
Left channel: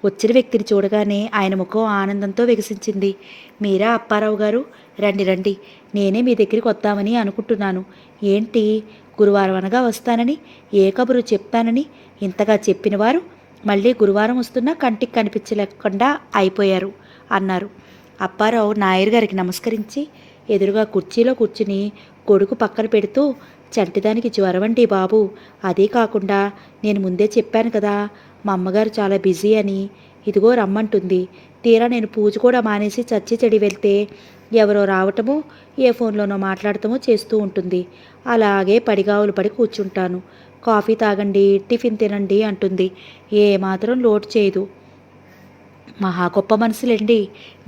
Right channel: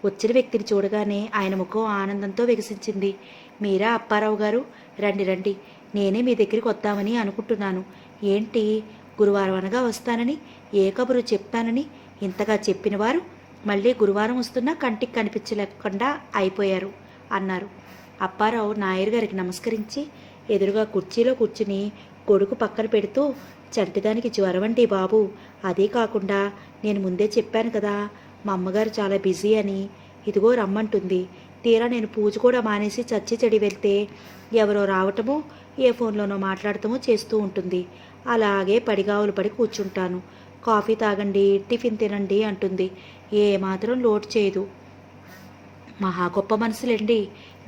వచ్చిన వ్యక్తిని చూడగానే ఆయన ముఖం ఆనందంతో వికసించింది. మీరా అప్పారావు గారు? రండి రండి, నేనే మీ దగ్గరికి వద్దామని అనుకుంటున్నాను. ఏంటి, గురువారం అనగా వస్తానని, ఏ కబురు చెప్తానని ఇంతగా చెప్పినవారు మళ్ళీ గురువారం వస్తున్నా కంటికి కనిపించలేకుండా అయిపోయారు అన్నారు. అప్పారావు నాయర్ గారికి నమస్కరించి ఎదురుగా కుర్చీలో కూర్చుని కొడుకు పక్కన పెడుతూ, చంటిదానికి జ్వరమండి బాబు. అదే కాకుండా నేను ముందే చెప్పాను కదా, మా అమ్మగారు చాలా బిజీ అని. ఇదిగో రమ్మంటుంది. తీరా నేను పూజ కూడా మానేసి చచ్చి చెడి వెళ్తే ఎవరో రావటమో ఏ ఫోన్లోనో మాట్లాడటమో చేస్తూ ఉంటుంది. అలాగే పడిగావులు పడి కూర్చుంటాను. కాఫీ తాగండి, టిఫిన్ తినండి అంటుంది. ఏమాత్రం లోటు చేయదు. మహా గొప్ప మనసులేండి.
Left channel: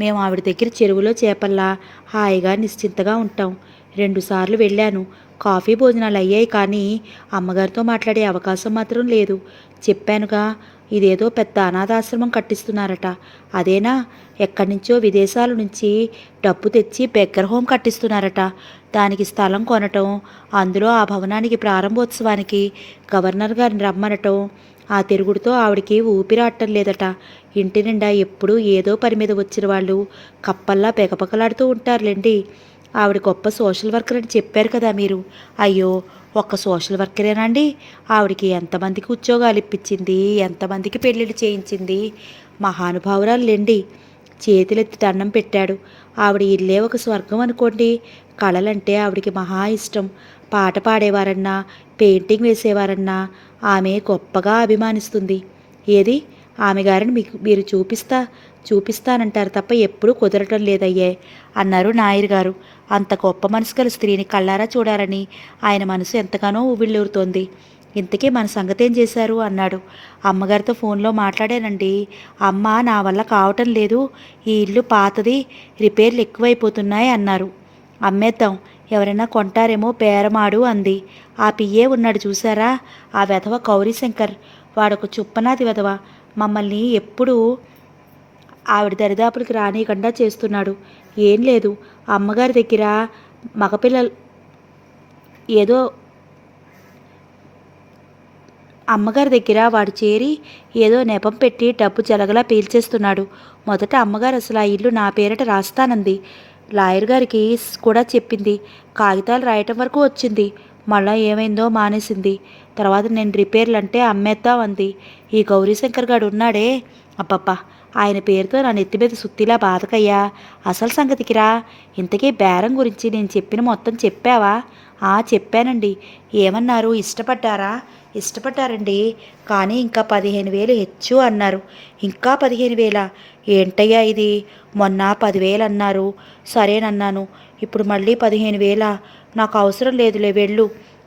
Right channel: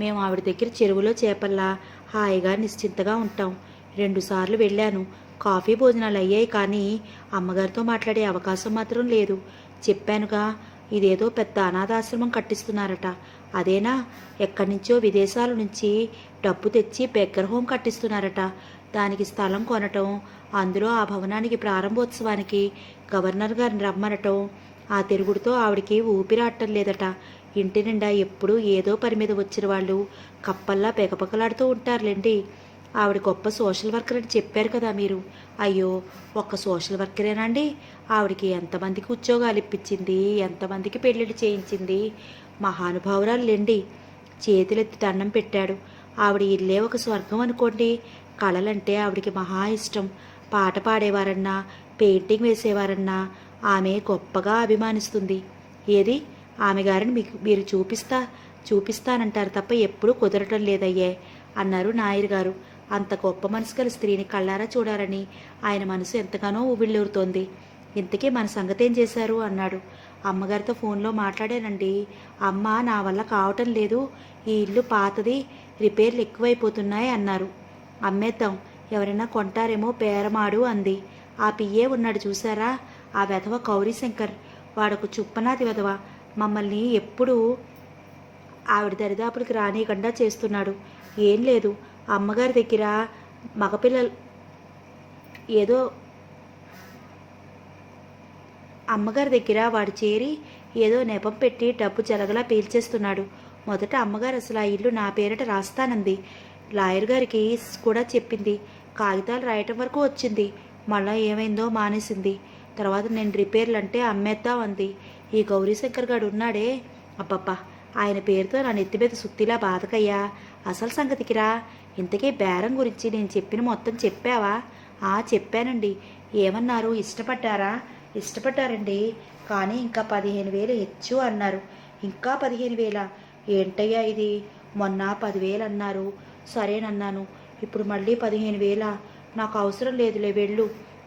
మేము ఆవిడ దగ్గర చెరువులో చేపల్లా హాయిగా నిశ్చింతగా ఉంటాం. 2 సార్లు వెళ్ళాను. కాఫీ భోజనాలు అయ్యాయి, కానీ అమ్మగారితో మాట్లాడే అవకాశం మాత్రం లేదు. చెప్పానుగా, ఇదేదో పెద్ద అనాథాశ్రమం కట్టిస్తున్నారట. అదేనా? ఎక్కడి నుంచో విదేశాల నుంచి డబ్బు తెచ్చి బెగ్గర్ హోమ్ కట్టిస్తున్నారట. దానికి స్థలం కొనటం, అందులో ఆ భవనానికి ప్రారంభోత్సవానికి గవర్నర్ గారిని రమ్మనటం, ఆ తిరుగుడుతో ఆవిడికి ఊపిరాటం లేదట. ఇంటి నిండా ఎప్పుడూ ఏదో పని మీద వచ్చిన వాళ్ళు కప్పల్లా పెకపకలాడుతూ ఉంటారులేండి. ఆవిడ గొప్ప సోషల్ వర్కర్ అని చెప్పారు కదా మీరు. అయ్యో, ఒక్క సోషల్ వర్కరేనండి? ఆవిడకి ఎంతమందికి ఉద్యోగాలు ఇప్పించింది, ఎంతమందికి పెళ్ళిళ్ళు చేయించింది. మహానుభావురాలండి. చేతులెత్తి దండం పెట్టాడు. ఆవిడ ఇల్లే ఒక స్వర్గం అనుకోండి. కళలంటే ఆవిడికి మహా ఇష్టం. పాట పాడేవారన్నా, పెయింటింగ్ వేసేవారన్నా ఆమె గొప్పగా అభిమానిస్తుంది. ఏది, ఆమె గారిని మీరు చూపిస్తానంటారు తప్ప ఎప్పుడూ కుదరటం లేదయ్యే అన్నారు నాయర్ గారు. అంత గొప్ప మనసు గల స్త్రీని కళ్ళారా చూడాలని ఆయన మనసు ఎంతగానో ఉవ్విళ్ళూరుతోంది. ఇంతకీ మన సంగతి ఏం చేశారు అన్నాడు. అమ్మగారితో ఫోన్లో మాట్లాడానండి. అమ్మ నా వల్ల కావటం లేదు, ఈ ఇల్లు పాతది, రిపేర్లు ఎక్కువైపోతున్నాయి అన్నారు. అమ్మేద్దాం, ఎవరైనా కొంటారేమో బేరమాడు అంది. ఆ పిఏ ఉన్నాడు చూసారా, ఆ వెధవ గౌరీశంకర్, వాడొక చుప్పనాది వెధవ. మమ్మల్ని ఎప్పుడూ ఆవిడ దరిదాపులకి రానియకుండా చేస్తున్నాడు. ఏం లేదు, అమ్మగారి దగ్గర మగపిల్లలు ఏదో అమ్మగారి దగ్గర వాడు చేరి ఏదో నెపం పెట్టి డబ్బు జలగలా పీల్చేస్తున్నాడు. మొదట అమ్మగారు అసలు ఆ ఇల్లు నా పేరిట రాస్తానంది. లాయర్ గారికి కూడా చెప్పింది. కాగితాలు రాయటం వరకు వచ్చింది. మళ్ళా ఏమైందో మానేసింది. తర్వాత నేను రిపేర్లు అంటే అమ్మేద్దాం అంది. ఈ గౌరీశంకర్ గారు ఉన్నాడే, అబ్బబ్బా, ఆయన పేరుతో నా నెత్తి మీద సుత్తిలా బాధకయ్యా. అసలు సంగతికి రా. ఇంతకీ బేరం గురించి నేను చెప్పిన మొత్తం చెప్పావా? చెప్పానండి. ఏమన్నారు, ఇష్టపడ్డారా? ఇష్టపడ్డారండి, కానీ ఇంకా 15,000 హెచ్చు అన్నారు. ఇంకా 15,000? ఏంటయ్యా ఇది, మొన్న 10,000 అన్నారు. సరేనన్నాను, ఇప్పుడు మళ్ళీ 15,000? నాకు అవసరం లేదులే, వెళ్ళు.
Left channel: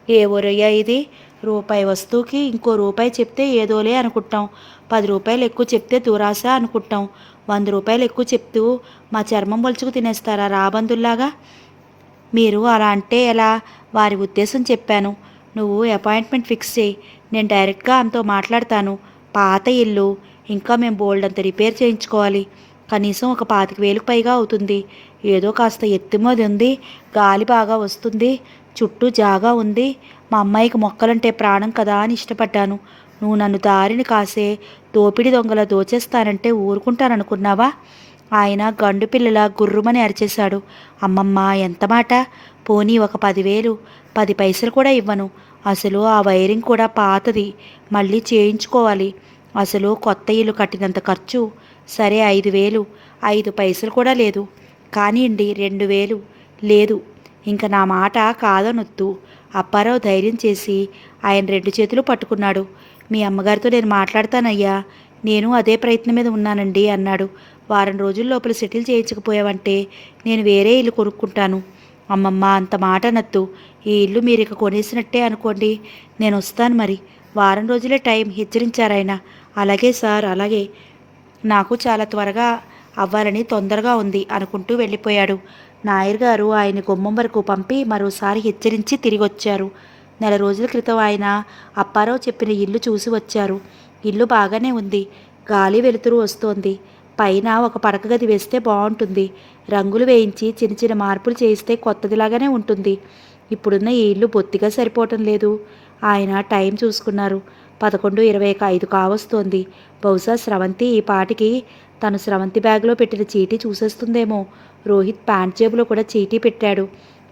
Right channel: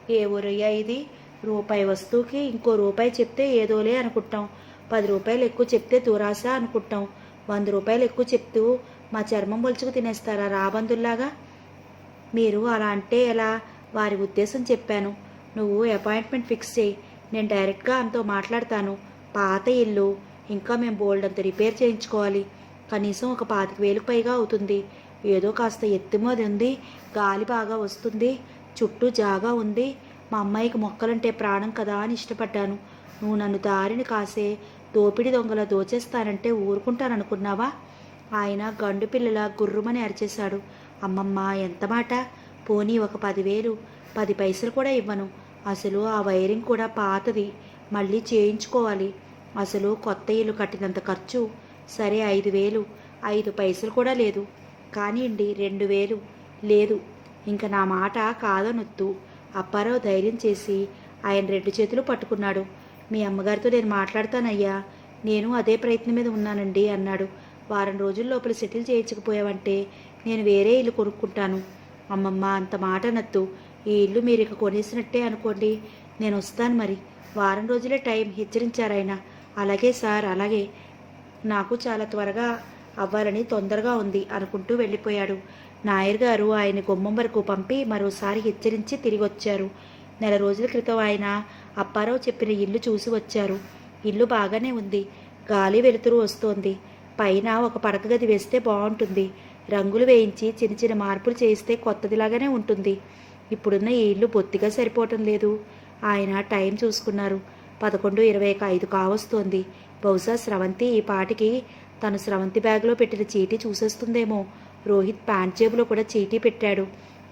ఏ ఊరయ్యా ఇది? రూపాయి వస్తువుకి ఇంకో రూపాయి చెప్తే ఏదోలే అనుకుంటాం. 10 రూపాయలు ఎక్కువ చెప్తే దురాశ అనుకుంటాం. 100 రూపాయలు ఎక్కువ చెప్తూ మా చర్మం పొలుచుకు తినేస్తారా రాబందుల్లాగా? మీరు అలా అంటే ఎలా? వారి ఉద్దేశం చెప్పాను. నువ్వు అపాయింట్మెంట్ ఫిక్స్ చేయి, నేను డైరెక్ట్గా ఆమెతో మాట్లాడతాను. పాత ఇల్లు, ఇంకా మేము బోల్డంత రిపేర్ చేయించుకోవాలి. కనీసం ఒక 25,000 పైగా అవుతుంది. ఏదో కాస్త ఎత్తుమది ఉంది, గాలి బాగా వస్తుంది, చుట్టూ జాగా ఉంది. మా అమ్మాయికి మొక్కలంటే ప్రాణం కదా అని ఇష్టపడ్డాను. నువ్వు నన్ను దారిని కాసే దోపిడి దొంగల దోచేస్తానంటే ఊరుకుంటాననుకున్నావా? ఆయన గండు పిల్లల గుర్రుమని అరిచేశాడు. అమ్మమ్మ, ఎంత మాట! పోనీ ఒక 10,000, 10 పైసలు కూడా ఇవ్వను. అసలు ఆ వైరింగ్ కూడా పాతది, మళ్ళీ చేయించుకోవాలి. అసలు కొత్త ఇల్లు కట్టినంత ఖర్చు. సరే 5,000, 5 పైసలు కూడా లేదు. కానివ్వండి 2,000. లేదు, ఇంక నా మాట కాదనొద్దు. అప్పారావు ధైర్యం చేసి ఆయన 2 చేతులు పట్టుకున్నాడు. మీ అమ్మగారితో నేను మాట్లాడతానయ్యా, నేను అదే ప్రయత్నం మీద ఉన్నానండి అన్నాడు. వారం రోజుల లోపల సెటిల్ చేయించకపోయావంటే నేను వేరే ఇల్లు కొనుక్కుంటాను. అమ్మమ్మ, అంత మాట అనొద్దు. ఈ ఇల్లు మీరు ఇక కొనేసినట్టే అనుకోండి. నేను వస్తాను మరి. వారం రోజులే టైం హెచ్చరించారాయన. అలాగే సార్, అలాగే. నాకు చాలా త్వరగా అవ్వాలని తొందరగా ఉంది అనుకుంటూ వెళ్ళిపోయాడు. నాయర్ గారు ఆయన గుమ్మం వరకు పంపి మరోసారి హెచ్చరించి తిరిగి వచ్చారు. నెల రోజుల క్రితం ఆయన అప్పారావు చెప్పిన ఇల్లు చూసి వచ్చారు. ఇల్లు బాగానే ఉంది, గాలి వెలుతురు వస్తోంది. పైన ఒక పడక గది వేస్తే బాగుంటుంది. రంగులు వేయించి చిన్న చిన్న మార్పులు చేయిస్తే కొత్తదిలాగానే ఉంటుంది. ఇప్పుడున్న ఈ ఇల్లు బొత్తిగా సరిపోవటం లేదు. ఆయన టైం చూసుకున్నారు. 11:25 కావస్తోంది. బహుశా స్రవంతి ఈ పాటికి తను స్రవంతి బ్యాగ్లో పెట్టిన చీటీ చూసేస్తుందేమో. రోహిత్ ప్యాంట్ జేబులో కూడా చీటీ పెట్టాడు.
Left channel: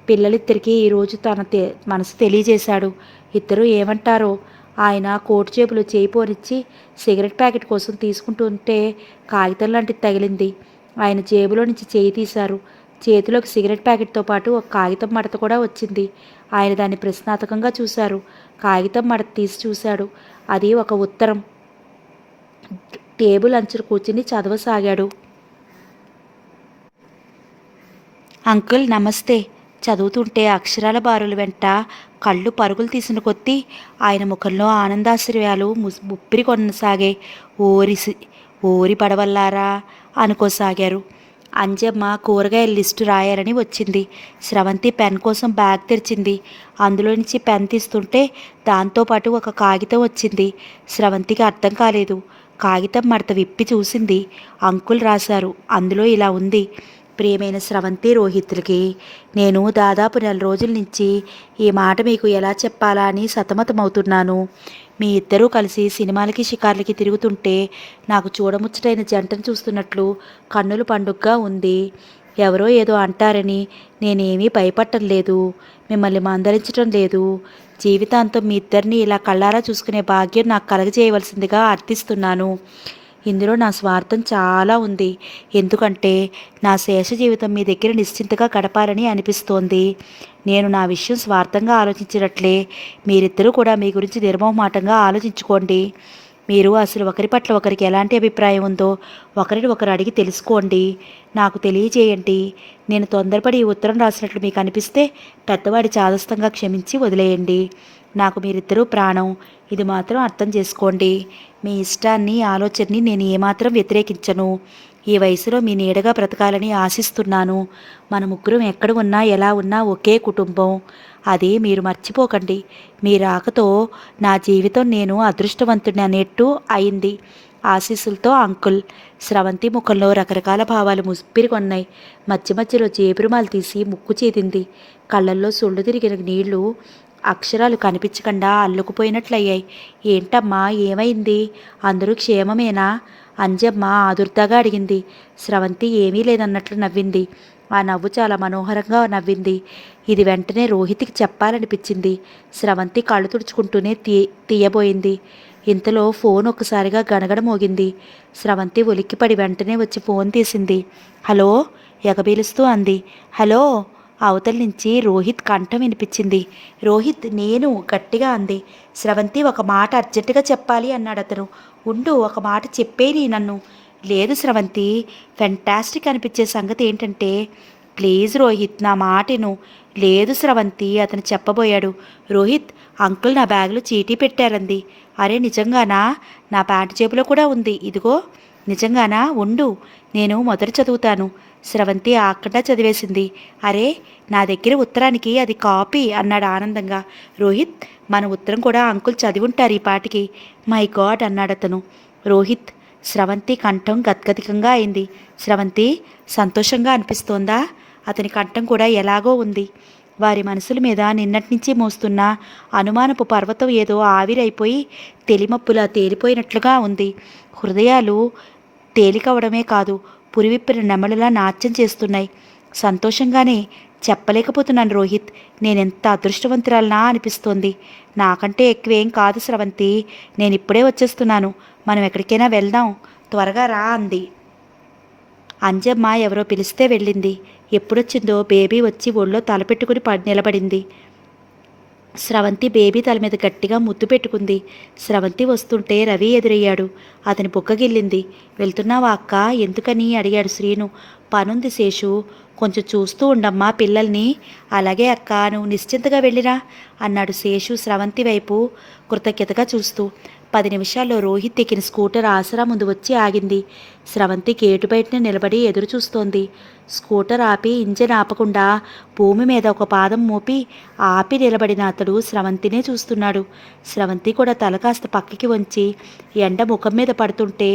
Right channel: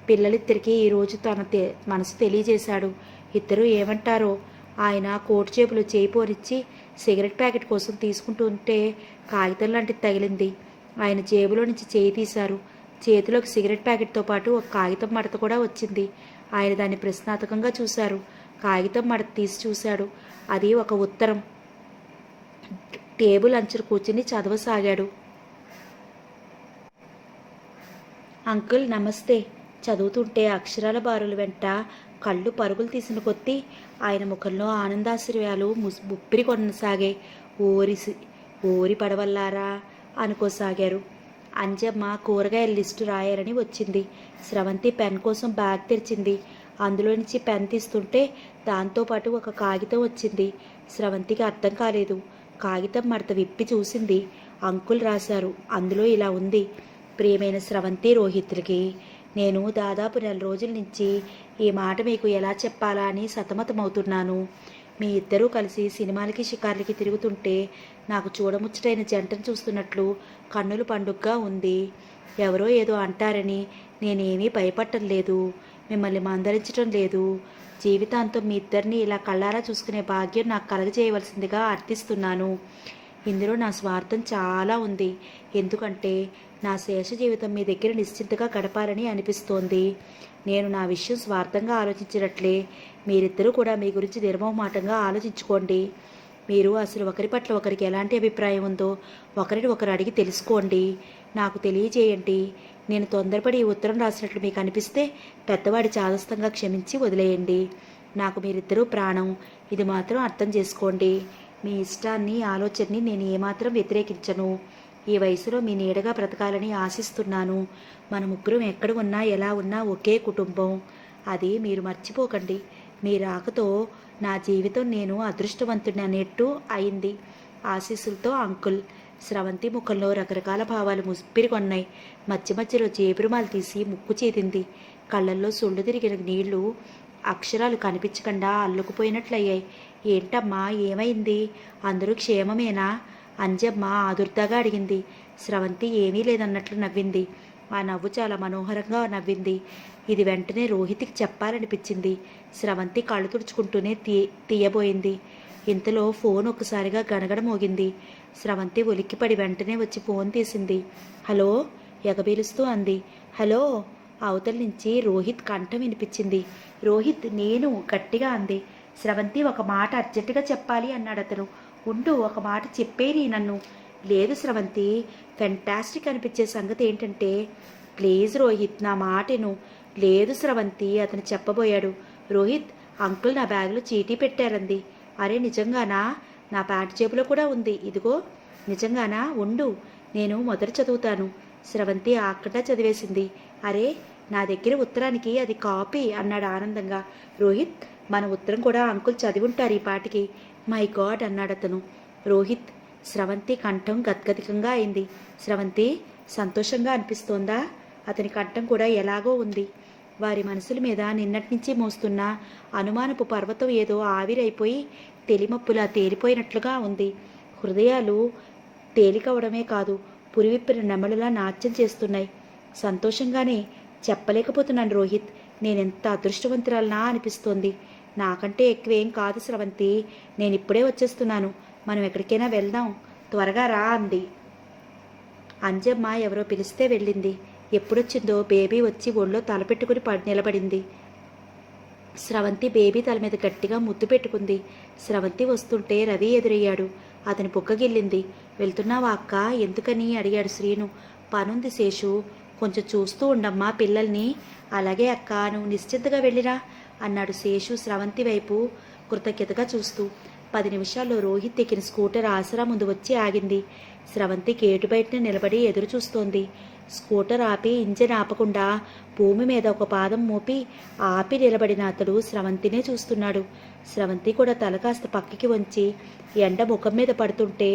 పిల్లలిద్దరికీ ఈరోజు తన మనసు తెలియజేశాడు. ఇద్దరూ ఏమంటారో. ఆయన కోటు జేబులో చేయి పోనిచ్చి సిగరెట్ ప్యాకెట్ కోసం తీసుకుంటుంటే కాగితం లాంటిది తగిలింది. ఆయన జేబులో నుంచి చేయి తీశారు. చేతిలోకి సిగరెట్ ప్యాకెట్తో పాటు ఒక కాగితం మడత కూడా వచ్చింది. ఆయన దాన్ని ప్రశ్నార్థకంగా చూశారు. కాగితం మడత తీసి చూశాడు. అది ఒక ఉత్తరం. టేబుల్ అంచున కూర్చుని చదవసాగాడు. అంకుల్ నమస్తే. చదువుతుంటే అక్షరాల బారుల వెంట కళ్ళు పరుగులు తీసిన కొద్దీ ఆయన ముఖంలో ఆనందాశ్చర్యాలు ముప్పిరి కొనసాగాయి. ఓరి పడవల్లారా అనుకోసాగారు. అంజమ్మ కూరగాయల లిస్టు రాయాలని వచ్చింది. స్రవంతి పెన్ కోసం బ్యాగ్ తెరిచింది. అందులో నుంచి పెన్ తీస్తుంటే దాంతోపాటు ఒక కాగితం వచ్చింది. స్రవంతికి అర్థం కాలేదు. కాగితం మడత విప్పి చూసింది. అంకుల్ రాశారు. అందులో ఇలా ఉంది: ప్రియమైన స్రవంతి, రోహిత్లకి, నేను దాదాపు 4 రోజుల నుంచి ఈ మాట మీకు ఎలా చెప్పాలా అని సతమతమవుతున్నాను. మీ ఇద్దరూ కలిసి సినిమాలకి షికార్లకి తిరుగుతుంటే నాకు చూడముచ్చటైన జంటను చూస్తున్నట్లు కన్నుల పండుగగా ఉంది. ఎవరో ఏదో అంటారని నేనేమీ భయపడటం లేదు, మిమ్మల్ని మందలించటం లేదు. జీవితాంతం మీ ఇద్దరిని ఇలా కళ్ళారా చూసుకునే భాగ్యం నాకు కలగజేయవలసిందిగా అర్థిస్తున్నాను. ఇందులో నా స్వార్థం చాలా ఉంది. ఎందుకంటే నా శేష జీవితం మీ దగ్గర నిశ్చింతగా గడపాలని అనిపిస్తోంది. నేను నా విషయం స్వార్థంగా ఆలోచించినట్లే మీరిద్దరూ కూడా మీ గురించి నిర్మోహమాటంగా ఆలోచించుకోండి. మీరు అసలు ఒకరి పట్ల ఒకరికి ఎలాంటి అభిప్రాయం ఉందో ఒకరిని ఒకరు అడిగి తెలుసుకోండి. నాకు తెలియజేయండి. నేను తొందరపడి ఈ ఉత్తరం రాసినట్లు మీకు అనిపిస్తే పెద్దవాడి చాదస్తంగా క్షమించి వదిలేయండి. నాకు మీరిద్దరూ ప్రాణం, ఇది మాత్రం అర్థం చేసుకోండి. మీ ఇష్టాన్ని ఆలోచనని నేను ఏమాత్రం వ్యతిరేకించను. ఈ వయసులో మీ నీడగా బ్రతకాలని ఆశిస్తున్నాను. మన ముగ్గురం ఎక్కడ ఉన్నా ఎలా ఉన్నా ఒకే కుటుంబం, అది మీరు మర్చిపోకండి. మీ రాకతో నా జీవితం నేను అదృష్టవంతుని అనేట్టు అయింది. ఆశీస్సులతో అంకుల్. స్రవంతి ముఖంలో రకరకాల భావాలు ముప్పిరికొన్నాయి. మధ్య మధ్యలో జేబురుమాలు తీసి ముక్కు చేతింది. కళ్ళల్లో సుళ్ళు తిరిగిన నీళ్లు అక్షరాలు కనిపించకుండా అల్లుకుపోయినట్లయ్యాయి. ఏంటమ్మా, ఏమైంది? అందరూ క్షేమమేనా? అంజమ్మ ఆదుర్దాగా అడిగింది. స్రవంతి ఏమీ లేదన్నట్లు నవ్వింది. ఆ నవ్వు చాలా మనోహరంగా నవ్వింది. ఇది వెంటనే రోహిత్కి చెప్పాలనిపించింది. స్రవంతి కళ్ళు తుడుచుకుంటూనే తీయబోయింది. ఇంతలో ఫోన్ ఒక్కసారిగా గణగణ మోగింది. స్రవంతి ఉలిక్కిపడి వెంటనే వచ్చి ఫోన్ తీసింది. హలో, ఎగబీలుస్తూ అంది. హలో. అవతల నుంచి రోహిత్ కంఠం వినిపించింది. రోహిత్, నేను, గట్టిగా అంది. స్రవంతి, ఒక మాట అర్జెంటుగా చెప్పాలి అన్నాడు అతను. ఉండు, ఒక మాట చెప్పేది నన్ను. లేదు స్రవంతి, ఫెంటాస్టిక్ అనిపించే సంగతి ఏంటంటే, ప్లీజ్ రోహిత్, నా మాటను. లేదు స్రవంతి, అతను చెప్పబోయాడు. రోహిత్, అంకుల్ నా బ్యాగ్లో చీటీ పెట్టారంది. అరే నిజంగానా? నా ప్యాంటు జేబులో కూడా ఉంది, ఇదిగో. నిజంగానా? ఉండు, నేను మొదట చదువుతాను. స్రవంతి ఆకుండా చదివేసింది. అరే, నా దగ్గర ఉత్తరానికి అది కాపీ అన్నాడు ఆనందంగా. రోహిత్, మన ఉత్తరం కూడా అంకుల్ చదివి ఉంటారు ఈ పాటికి. మై గాడ్ అన్నాడు అతను. రోహిత్, స్రవంతి కంఠం గద్గదికంగా అయింది. స్రవంతి, సంతోషంగా అనిపిస్తోందా? అతని కంఠం కూడా ఎలాగో ఉంది. వారి మనసుల మీద నిన్నటి నుంచి మోస్తున్న అనుమానపు పర్వతం ఏదో ఆవిరైపోయి తెలిమప్పులా తేలిపోయినట్లుగా ఉంది. హృదయాలు తేలికవడమే కాదు, పురివిప్పిన నెమలులా నాట్యం చేస్తున్నాయి. సంతోషంగానే చెప్పలేకపోతున్నాను రోహిత్. నేనెంత అదృష్టవంతురాలనా అనిపిస్తోంది. నాకంటే ఎక్కువేం కాదు స్రవంతి. నేను ఇప్పుడే వచ్చేస్తున్నాను. మనం ఎక్కడికైనా వెళ్దాం, త్వరగా రా అంది. అంజమ్మ ఎవరో పిలిస్తే వెళ్ళింది. ఎప్పుడొచ్చిందో బేబీ వచ్చి ఒళ్ళో తలపెట్టుకుని నిలబడింది. స్రవంతి బేబీ తల మీద గట్టిగా ముద్దు పెట్టుకుంది. స్రవంతి వస్తుంటే రవి ఎదురయ్యాడు. అతని బుగ్గగిల్లింది. వెళ్తున్నావా అక్క? ఎందుకని అడిగాడు శ్రీను. పనుంది శేషు, కొంచెం చూస్తూ ఉండమ్మా పిల్లల్ని. అలాగే అక్క, నువ్వు నిశ్చింతగా వెళ్ళిరా అన్నాడు శేషు స్రవంతి వైపు కృతజ్ఞతగా చూస్తూ. 10 నిమిషాల్లో రోహిత్ ఎక్కిన స్కూటర్ ఆసరా ముందు వచ్చి ఆగింది. స్రవంతి గేటు బయటనే నిలబడి ఎదురు చూస్తోంది. స్కూటర్ ఆపి ఇంజన్ ఆపకుండా భూమి మీద ఒక పాదం మోపి ఆపి నిలబడిన అతడు స్రవంతినే చూస్తున్నాడు. స్రవంతి కూడా తల కాస్త పక్కకి వంచి ఎండ ముఖం మీద పడుతుంటే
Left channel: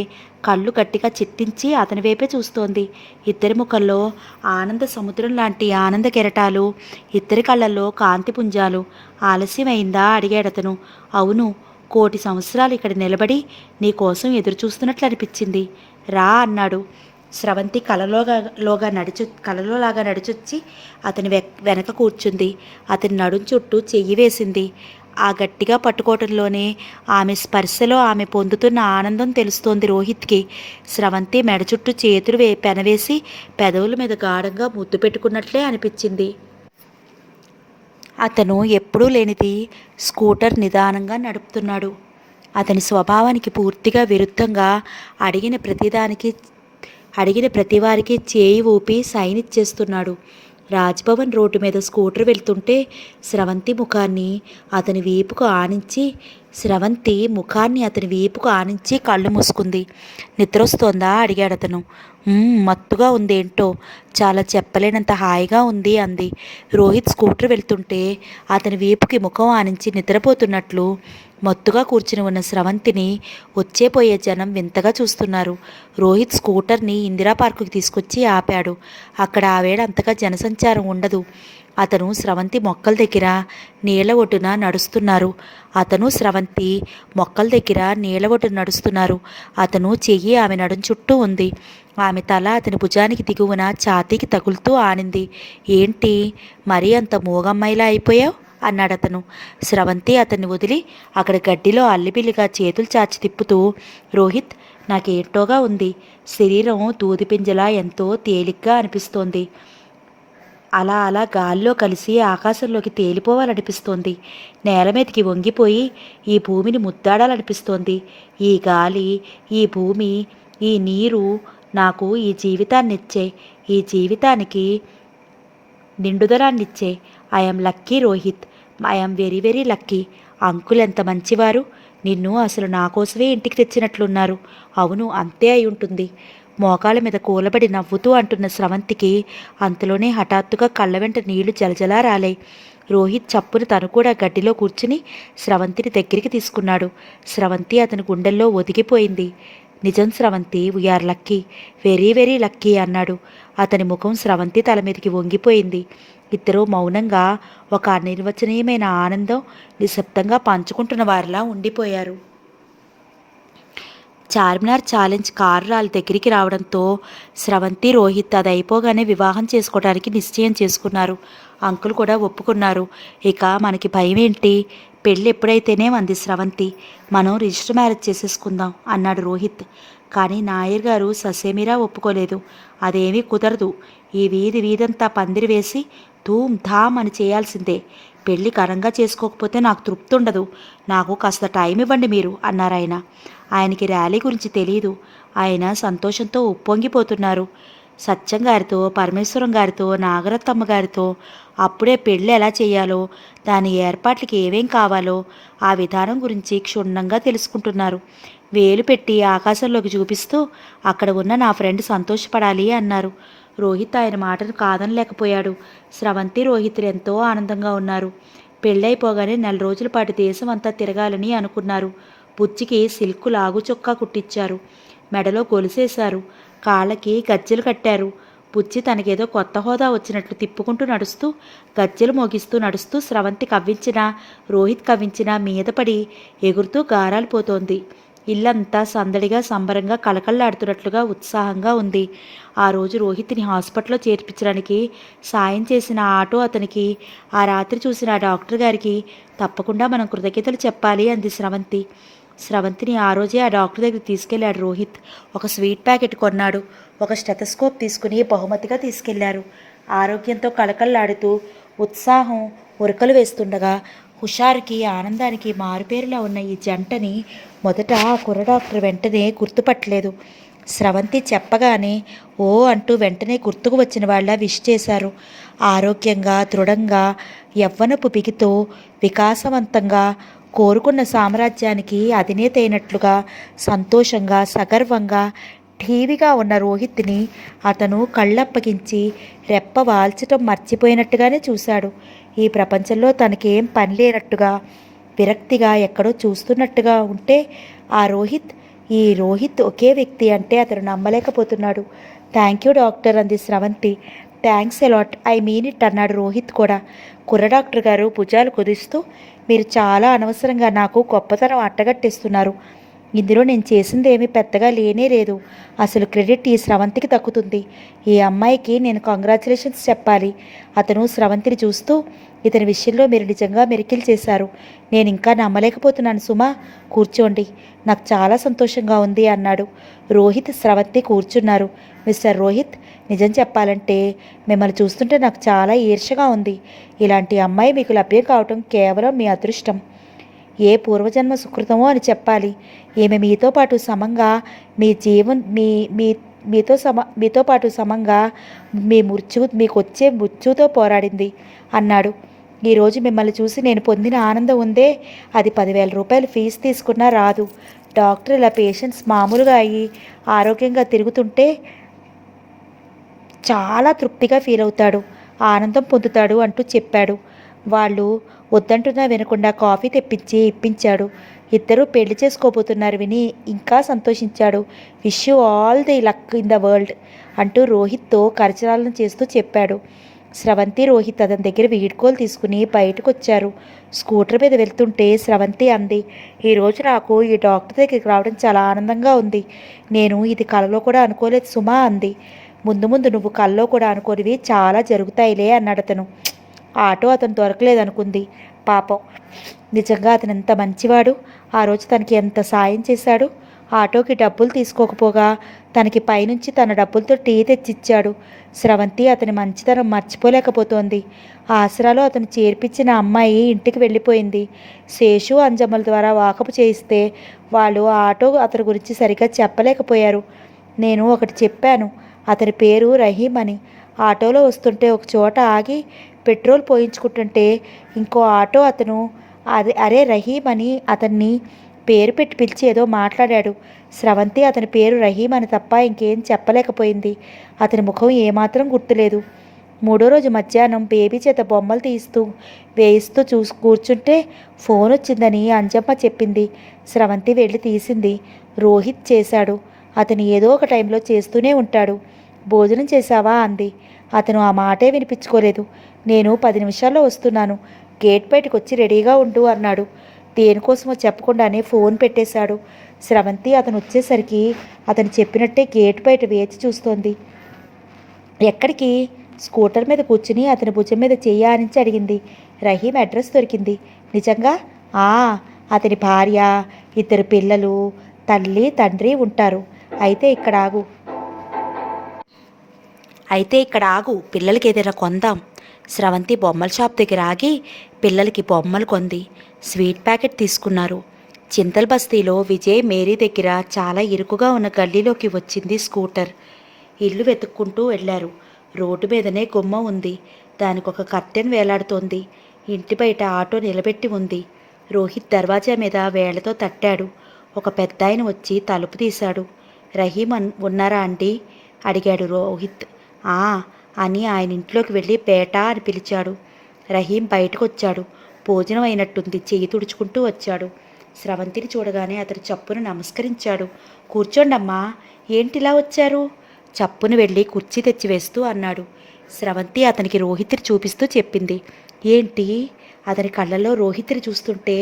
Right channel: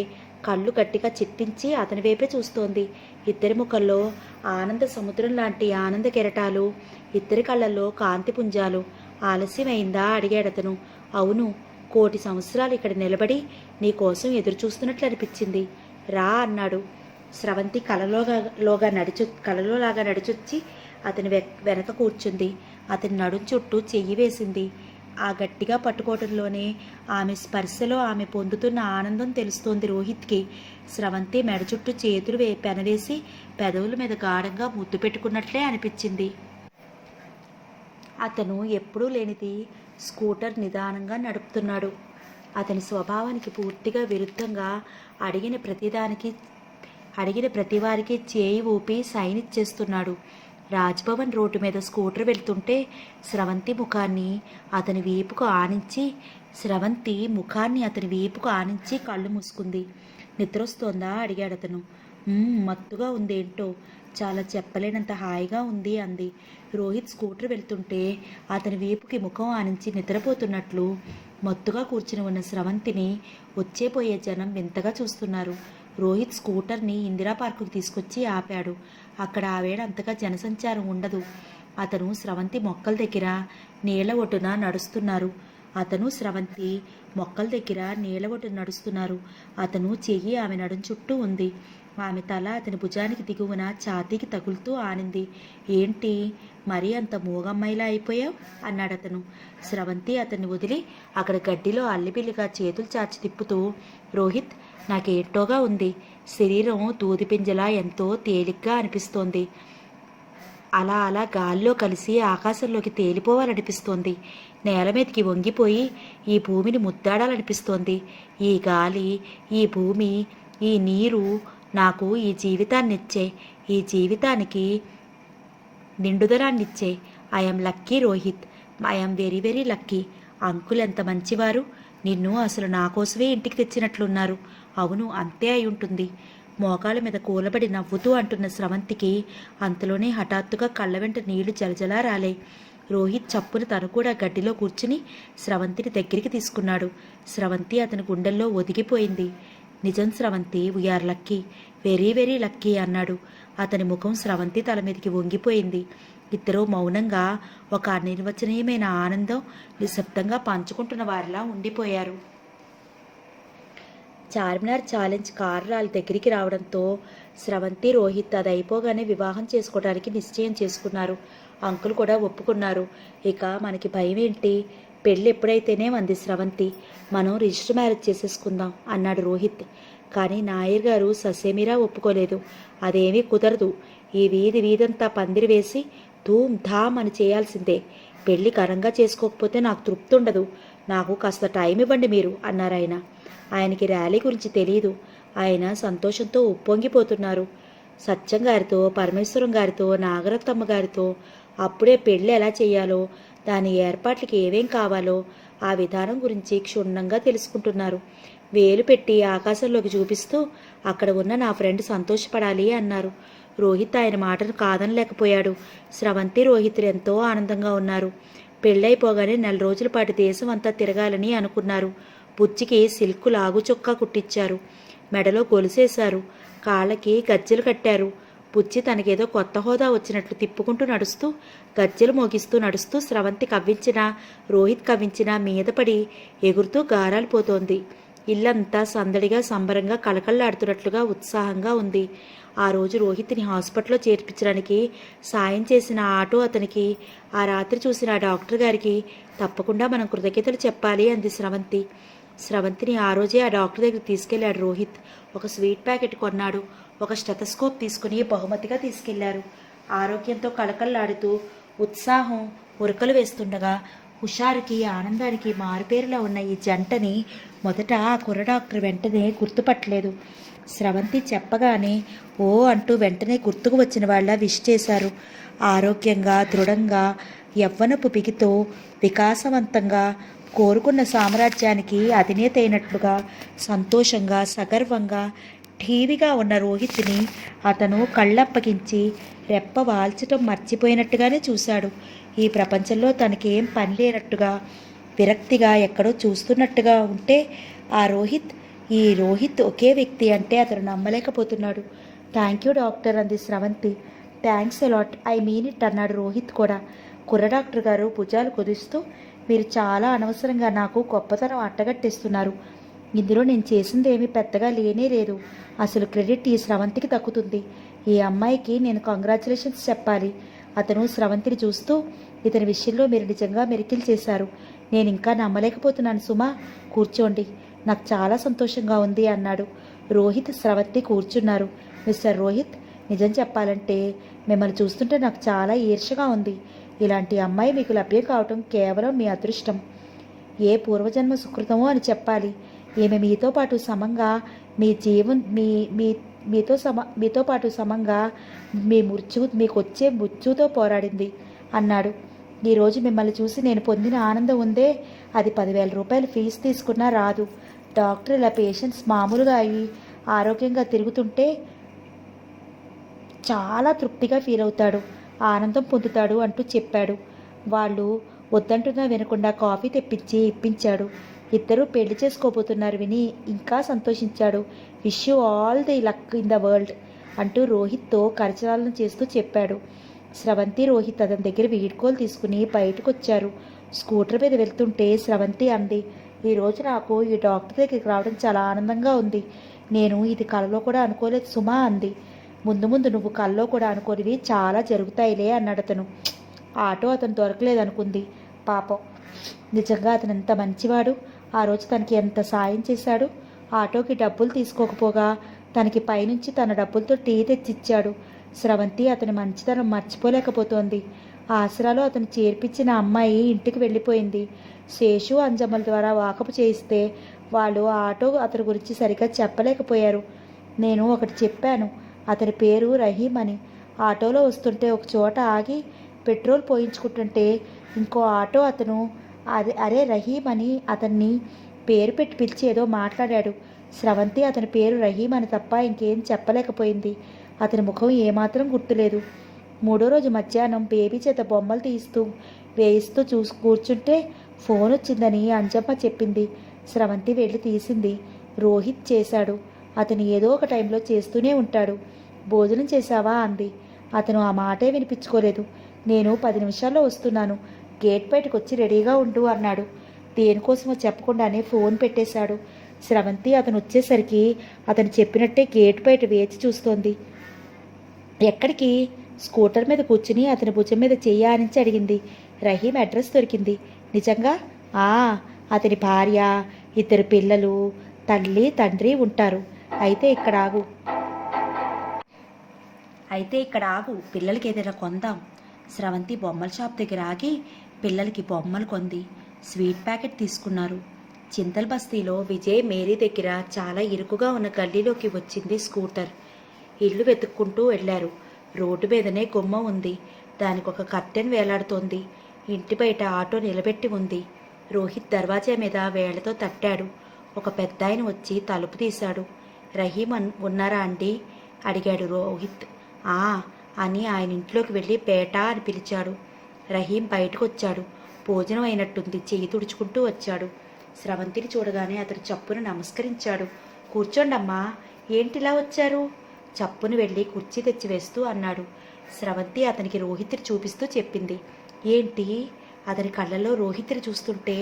కళ్ళు గట్టిగా చిట్టించి అతని వైపే చూస్తోంది. ఇద్దరి ముఖంలో ఆనంద సముద్రం లాంటి ఆనంద కెరటాలు, ఇద్దరి కళ్ళల్లో కాంతి పుంజాలు. ఆలస్యమైందా అడిగాడతను. అవును, 1,000,000 సంవత్సరాలు ఇక్కడ నిలబడి నీ కోసం ఎదురు చూస్తున్నట్లు అనిపించింది. రా అన్నాడు. స్రవంతి కలలోలాగా నడిచొచ్చి అతని వెనక కూర్చుంది. అతని నడుం చుట్టూ చెయ్యి వేసింది. ఆ గట్టిగా పట్టుకోవటంలోనే ఆమె స్పర్శలో ఆమె పొందుతున్న ఆనందం తెలుస్తోంది రోహిత్కి. స్రవంతి మెడ చుట్టూ చేతులు పెనవేసి పెదవుల మీద గాఢంగా ముద్దు పెట్టుకున్నట్లే అనిపించింది. అతను ఎప్పుడూ లేనిది స్కూటర్ నిదానంగా నడుపుతున్నాడు. అతని స్వభావానికి పూర్తిగా విరుద్ధంగా అడిగిన ప్రతివారికి చేయి ఊపి సైన్ ఇచ్చేస్తున్నాడు. రాజ్భవన్ రోడ్డు మీద స్కూటర్ వెళ్తుంటే స్రవంతి ముఖాన్ని అతని వీపుకు ఆనించి కళ్ళు మూసుకుంది. నిద్రొస్తోందా అడిగాడతను. మత్తుగా ఉందేంటో, చాలా చెప్పలేనంత హాయిగా ఉంది అంది. రోహిత్ స్కూటర్ వెళ్తుంటే అతని వీపుకి ముఖం ఆనించి నిద్రపోతున్నట్లు మత్తుగా కూర్చుని ఉన్న స్రవంతిని వచ్చేపోయే జనం వింతగా చూస్తున్నారు. రోహిత్ స్కూటర్ని ఇందిరా పార్కుకి తీసుకొచ్చి ఆపాడు. అక్కడ ఆవేళ అంతగా జనసంచారం ఉండదు. అతను స్రవంతి మొక్కల దగ్గర నీళ్ల ఒడ్డున నడుస్తున్నారు. అతను చెయ్యి ఆమె నడుం చుట్టూ ఉంది. ఆమె తల అతని భుజానికి దిగువన ఛాతీకి తగులుతూ ఆనింది. ఏంటి మరీ అంత మూగమ్మాయిలా అయిపోయావు అన్నాడతను. స్రవంతి అతన్ని వదిలి అక్కడ గడ్డిలో అల్లిబిల్లిగా చేతులు చాచి తిప్పుతూ, రోహిత్, నాకేంటోగా ఉంది. శరీరం దూదిపింజలా ఎంతో తేలిగ్గా అనిపిస్తోంది. అలా అలా గాల్లో కలిసి ఆకాశంలోకి తేలిపోవాలనిపిస్తోంది. నేల మీదకి వంగిపోయి ఈ భూమిని ముద్దాడాలనిపిస్తోంది. ఈ గాలి, ఈ భూమి, ఈ నీరు నాకు ఈ జీవితాన్నిచ్చే, ఈ జీవితానికి నిండుదనాన్నిచ్చే. I'm lucky Rohit, I'm very very lucky. Uncle ఎంత మంచివారు. నిన్ను అసలు నా కోసమే ఇంటికి తెచ్చినట్లున్నారు. అవును, అంతే అయి ఉంటుంది. మోకాళ్ళ మీద కూలబడి నవ్వుతూ అంటున్న స్రవంతికి అంతలోనే హఠాత్తుగా కళ్ళ వెంట నీళ్లు జలజలా రాలాయి. రోహిత్ చప్పున తను కూడా గడ్డిలో కూర్చుని స్రవంతిని దగ్గరికి తీసుకున్నాడు. స్రవంతి అతని గుండెల్లో ఒదిగిపోయింది. నిజం Sravanthi, we are lucky, very very lucky అన్నాడు. అతని ముఖం స్రవంతి తల మీదకి వంగిపోయింది. ఇద్దరూ మౌనంగా ఒక అనిర్వచనీయమైన ఆనందం నిశ్శబ్దంగా పంచుకుంటున్న వారిలా ఉండిపోయారు. చార్మినార్ ఛాలెంజ్ కారు వాళ్ళ దగ్గరికి రావడంతో స్రవంతి, రోహిత్ అది అయిపోగానే వివాహం చేసుకోవడానికి నిశ్చయం చేసుకున్నారు. అంకుల్ కూడా ఒప్పుకున్నారు. ఇక మనకి భయం ఏంటి, పెళ్ళి ఎప్పుడైతేనే అంది స్రవంతి. మనం రిజిస్టర్ మ్యారేజ్ చేసేసుకుందాం అన్నాడు రోహిత్. కానీ నాయర్ గారు ససేమిరా ఒప్పుకోలేదు. అదేమీ కుదరదు. ఈ వీధంతా పందిరి వేసి ధూమ్ ధామ్ అని చేయాల్సిందే. పెళ్ళి ఘనంగా చేసుకోకపోతే నాకు తృప్తి ఉండదు. నాకు కాస్త టైం ఇవ్వండి మీరు అన్నారాయన. ఆయనకి ర్యాలీ గురించి తెలియదు. ఆయన సంతోషంతో ఉప్పొంగిపోతున్నారు. సత్యం గారితో, పరమేశ్వరం గారితో, నాగరత్తమ్మ గారితో అప్పుడే పెళ్ళి ఎలా చేయాలో, దాని ఏర్పాట్లకి ఏమేం కావాలో ఆ విధానం గురించి క్షుణ్ణంగా తెలుసుకుంటున్నారు. వేలు పెట్టి ఆకాశంలోకి చూపిస్తూ, అక్కడ ఉన్న నా ఫ్రెండ్ సంతోషపడాలి అన్నారు. రోహిత్ ఆయన మాటను కాదనలేకపోయాడు. స్రవంతి, రోహితులు ఎంతో ఆనందంగా ఉన్నారు. పెళ్ళైపోగానే 4 రోజుల పాటు దేశం అంతా తిరగాలని అనుకున్నారు. బుచ్చికి సిల్కు లాగు చొక్కా కుట్టించారు. మెడలో గొలుసేశారు. కాళ్ళకి గజ్జెలు కట్టారు. బుచ్చి తనకేదో కొత్త హోదా వచ్చినట్లు తిప్పుకుంటూ నడుస్తూ, గజ్జెలు మోగిస్తూ నడుస్తూ స్రవంతి కవ్వించినా, రోహిత్ కవ్వించినా మీదపడి ఎగురుతూ గారాలు పోతోంది. ఇల్లంతా సందడిగా, సంబరంగా, కళకళలాడుతున్నట్లుగా ఉత్సాహంగా ఉంది. ఆ రోజు రోహిత్ని హాస్పిటల్లో చేర్పించడానికి సాయం చేసిన ఆటో అతనికి, ఆ రాత్రి చూసిన ఆ డాక్టర్ గారికి తప్పకుండా మనం కృతజ్ఞతలు చెప్పాలి అంది స్రవంతి. స్రవంతిని ఆ రోజే ఆ డాక్టర్ దగ్గరికి తీసుకెళ్లాడు రోహిత్. ఒక స్వీట్ ప్యాకెట్ కొన్నాడు. ఒక స్టెథోస్కోప్ తీసుకుని బహుమతిగా తీసుకెళ్లారు. ఆరోగ్యంతో కళకళలాడుతూ ఉత్సాహం ఉరకలు వేస్తుండగా హుషారుకి, ఆనందానికి మారుపేరులా ఉన్న ఈ జంటని మొదట ఆ కుర్ర డాక్టర్ వెంటనే గుర్తుపట్టలేదు. స్రవంతి చెప్పగానే ఓ అంటూ వెంటనే గుర్తుకు వచ్చిన వాళ్ళ విష్ చేశారు. ఆరోగ్యంగా, దృఢంగా, యవ్వనపు బిగితో, వికాసవంతంగా, కోరుకున్న సామ్రాజ్యానికి అధినేత అయినట్లుగా, సంతోషంగా, సగర్వంగా, ఠీవిగా ఉన్న రోహిత్ని అతను కళ్ళప్పగించి రెప్ప వాల్చటం మర్చిపోయినట్టుగానే చూశాడు. ఈ ప్రపంచంలో తనకేం పని లేనట్టుగా, విరక్తిగా, ఎక్కడో చూస్తున్నట్టుగా ఉంటే ఈ రోహిత్ ఒకే వ్యక్తి అంటే అతను నమ్మలేకపోతున్నాడు. థ్యాంక్ యూ డాక్టర్ అంది Sravanthi. Thanks a lot, I mean it అన్నాడు రోహిత్ కూడా. కుర్ర డాక్టర్ గారు భుజాలు కుదిస్తూ, మీరు చాలా అనవసరంగా నాకు గొప్పతనం అట్టగట్టేస్తున్నారు. ఇందులో నేను చేసింది ఏమీ పెద్దగా లేనే లేదు. అసలు క్రెడిట్ ఈ స్రవంతికి దక్కుతుంది. ఈ అమ్మాయికి నేను కంగ్రాచులేషన్స్ చెప్పాలి. అతను స్రవంతిని చూస్తూ, ఇతని విషయంలో మీరు నిజంగా మెరికిల్ చేశారు. నేను ఇంకా నమ్మలేకపోతున్నాను సుమా. కూర్చోండి, నాకు చాలా సంతోషంగా ఉంది అన్నాడు. రోహిత్, స్రవంతి కూర్చున్నారు. మిస్టర్ రోహిత్, నిజం చెప్పాలంటే మిమ్మల్ని చూస్తుంటే నాకు చాలా ఈర్ష్యగా ఉంది. ఇలాంటి అమ్మాయి మీకు లభ్యం కావటం కేవలం మీ అదృష్టం. ఏ పూర్వజన్మ సుకృతమో అని చెప్పాలి. ఈమె మీతో పాటు సమంగా మీతో పాటు సమంగా మీకు వచ్చే మృత్యుతో పోరాడింది అన్నాడు. ఈరోజు మిమ్మల్ని చూసి నేను పొందిన ఆనందం ఉందే, అది 10,000 రూపాయలు ఫీజు తీసుకున్నా రాదు. డాక్టర్ ఇలా పేషెంట్స్ మామూలుగా అయ్యి ఆరోగ్యంగా తిరుగుతుంటే చాలా తృప్తిగా ఫీల్ అవుతాడు, ఆనందం పొందుతాడు అంటూ చెప్పాడు. వాళ్ళు వద్దంటున్నా వినకుండా కాఫీ తెప్పించి ఇప్పించాడు. ఇద్దరూ పెళ్లి చేసుకోబోతున్నారు విని ఇంకా సంతోషించాడు. Wish you all the luck in the world అంటూ రోహిత్తో కరచాలనం చేస్తూ చెప్పాడు. స్రవంతి రోహిత్ అతని దగ్గర వీడ్కోలు తీసుకుని బయటకు వచ్చారు. స్కూటర్ మీద వెళ్తుంటే స్రవంతి అంది, ఈరోజు నాకు ఈ డాక్టర్ దగ్గరికి రావడం చాలా ఆనందంగా ఉంది. నేను ఇది కలలో కూడా అనుకోలేదు సుమా అంది. ముందు ముందు నువ్వు కల్లో కూడా అనుకోనివి చాలా జరుగుతాయిలే అన్నాడు అతను. ఆటో అతను దొరకలేదనుకుంది. పాపం, నిజంగా అతను ఎంత మంచివాడు. ఆ రోజు తనకి ఎంత సాయం చేశాడు. ఆటోకి డబ్బులు తీసుకోకపోగా తనకి పైనుంచి తన డబ్బులతో టీ తెచ్చిచ్చాడు. స్రవంతి అతని మంచితనం మర్చిపోలేకపోతోంది. ఆసరాలో అతను చేర్పించిన అమ్మాయి ఇంటికి వెళ్ళిపోయింది. శేషు అంజమ్మల ద్వారా వాకపు చేయిస్తే వాళ్ళు ఆ ఆటో అతని గురించి సరిగ్గా చెప్పలేకపోయారు. నేను ఒకటి చెప్పాను, అతని పేరు రహీం అని. ఆటోలో వస్తుంటే ఒక చోట ఆగి పెట్రోల్ పోయించుకుంటుంటే ఇంకో ఆటో అతను అరే రహీం అని అతన్ని పేరు పెట్టి పిలిచి ఏదో మాట్లాడాడు. స్రవంతి అతని పేరు రహీం అని తప్ప ఇంకేం చెప్పలేకపోయింది. అతని ముఖం ఏమాత్రం గుర్తులేదు. మూడో రోజు మధ్యాహ్నం బేబీ చేత బొమ్మలు వేయిస్తూ కూర్చుంటే ఫోన్ వచ్చిందని అంజమ్మ చెప్పింది. స్రవంతి వెళ్ళి తీసింది. రోహిత్ చేశాడు. అతను ఏదో ఒక టైంలో చేస్తూనే ఉంటాడు. భోజనం చేశావా అంది. అతను ఆ మాటే వినిపించుకోలేదు. నేను 10 నిమిషాల్లో వస్తున్నాను, గేట్ బయటకు వచ్చి రెడీగా ఉండు అన్నాడు. దేనికోసమో చెప్పకుండానే ఫోన్ పెట్టేశాడు. స్రవంతి అతను వచ్చేసరికి అతను చెప్పినట్టే గేట్ బయట వేచి చూస్తోంది. ఎక్కడికి? స్కూటర్ మీద కూర్చుని అతని భుజం మీద చెయ్యి ఆనించి అడిగింది. రహీం అడ్రస్ దొరికింది. నిజంగా? అతని భార్య, 2 పిల్లలు, తల్లి తండ్రి ఉంటారు. అయితే ఇక్కడ ఆగు, పిల్లలకి ఏదైనా కొందాం. స్రవంతి బొమ్మల షాప్ దగ్గర ఆగి పిల్లలకి బొమ్మలు కొంది. స్వీట్ ప్యాకెట్ తీసుకున్నారు. చింతల బస్తీలో విజయ్ మేరీ దగ్గర చాలా ఇరుకుగా ఉన్న గల్లీలోకి వచ్చింది స్కూటర్. ఇల్లు వెతుక్కుంటూ వెళ్ళారు. రోడ్డు మీదనే గుమ్మం ఉంది. దానికి ఒక కర్టెన్ వేలాడుతోంది. ఇంటి బయట ఆటో నిలబెట్టి ఉంది. రోహిత్ దర్వాజా మీద వేళ్లతో తట్టాడు. ఒక పెద్దాయన వచ్చి తలుపు తీశాడు. రహీం ఉన్నారా అండి అడిగాడు రోహిత్. అని ఆయన ఇంట్లోకి వెళ్ళి బేటా అని పిలిచాడు. రహీం బయటకు వచ్చాడు. భోజనం అయినట్టుంది, చెయ్యి తుడుచుకుంటూ వచ్చాడు. స్రవంతిని చూడగానే అతను చప్పున నమస్కరించాడు. కూర్చోండమ్మా, ఏంటిలా వచ్చారు? చప్పున వెళ్ళి కుర్చీ తెచ్చివేస్తూ అన్నాడు. స్రవంతి అతనికి రోహిత్ని చూపిస్తూ చెప్పింది. ఏంటి? అతని కళ్ళల్లో రోహిత్ని చూస్తుంటే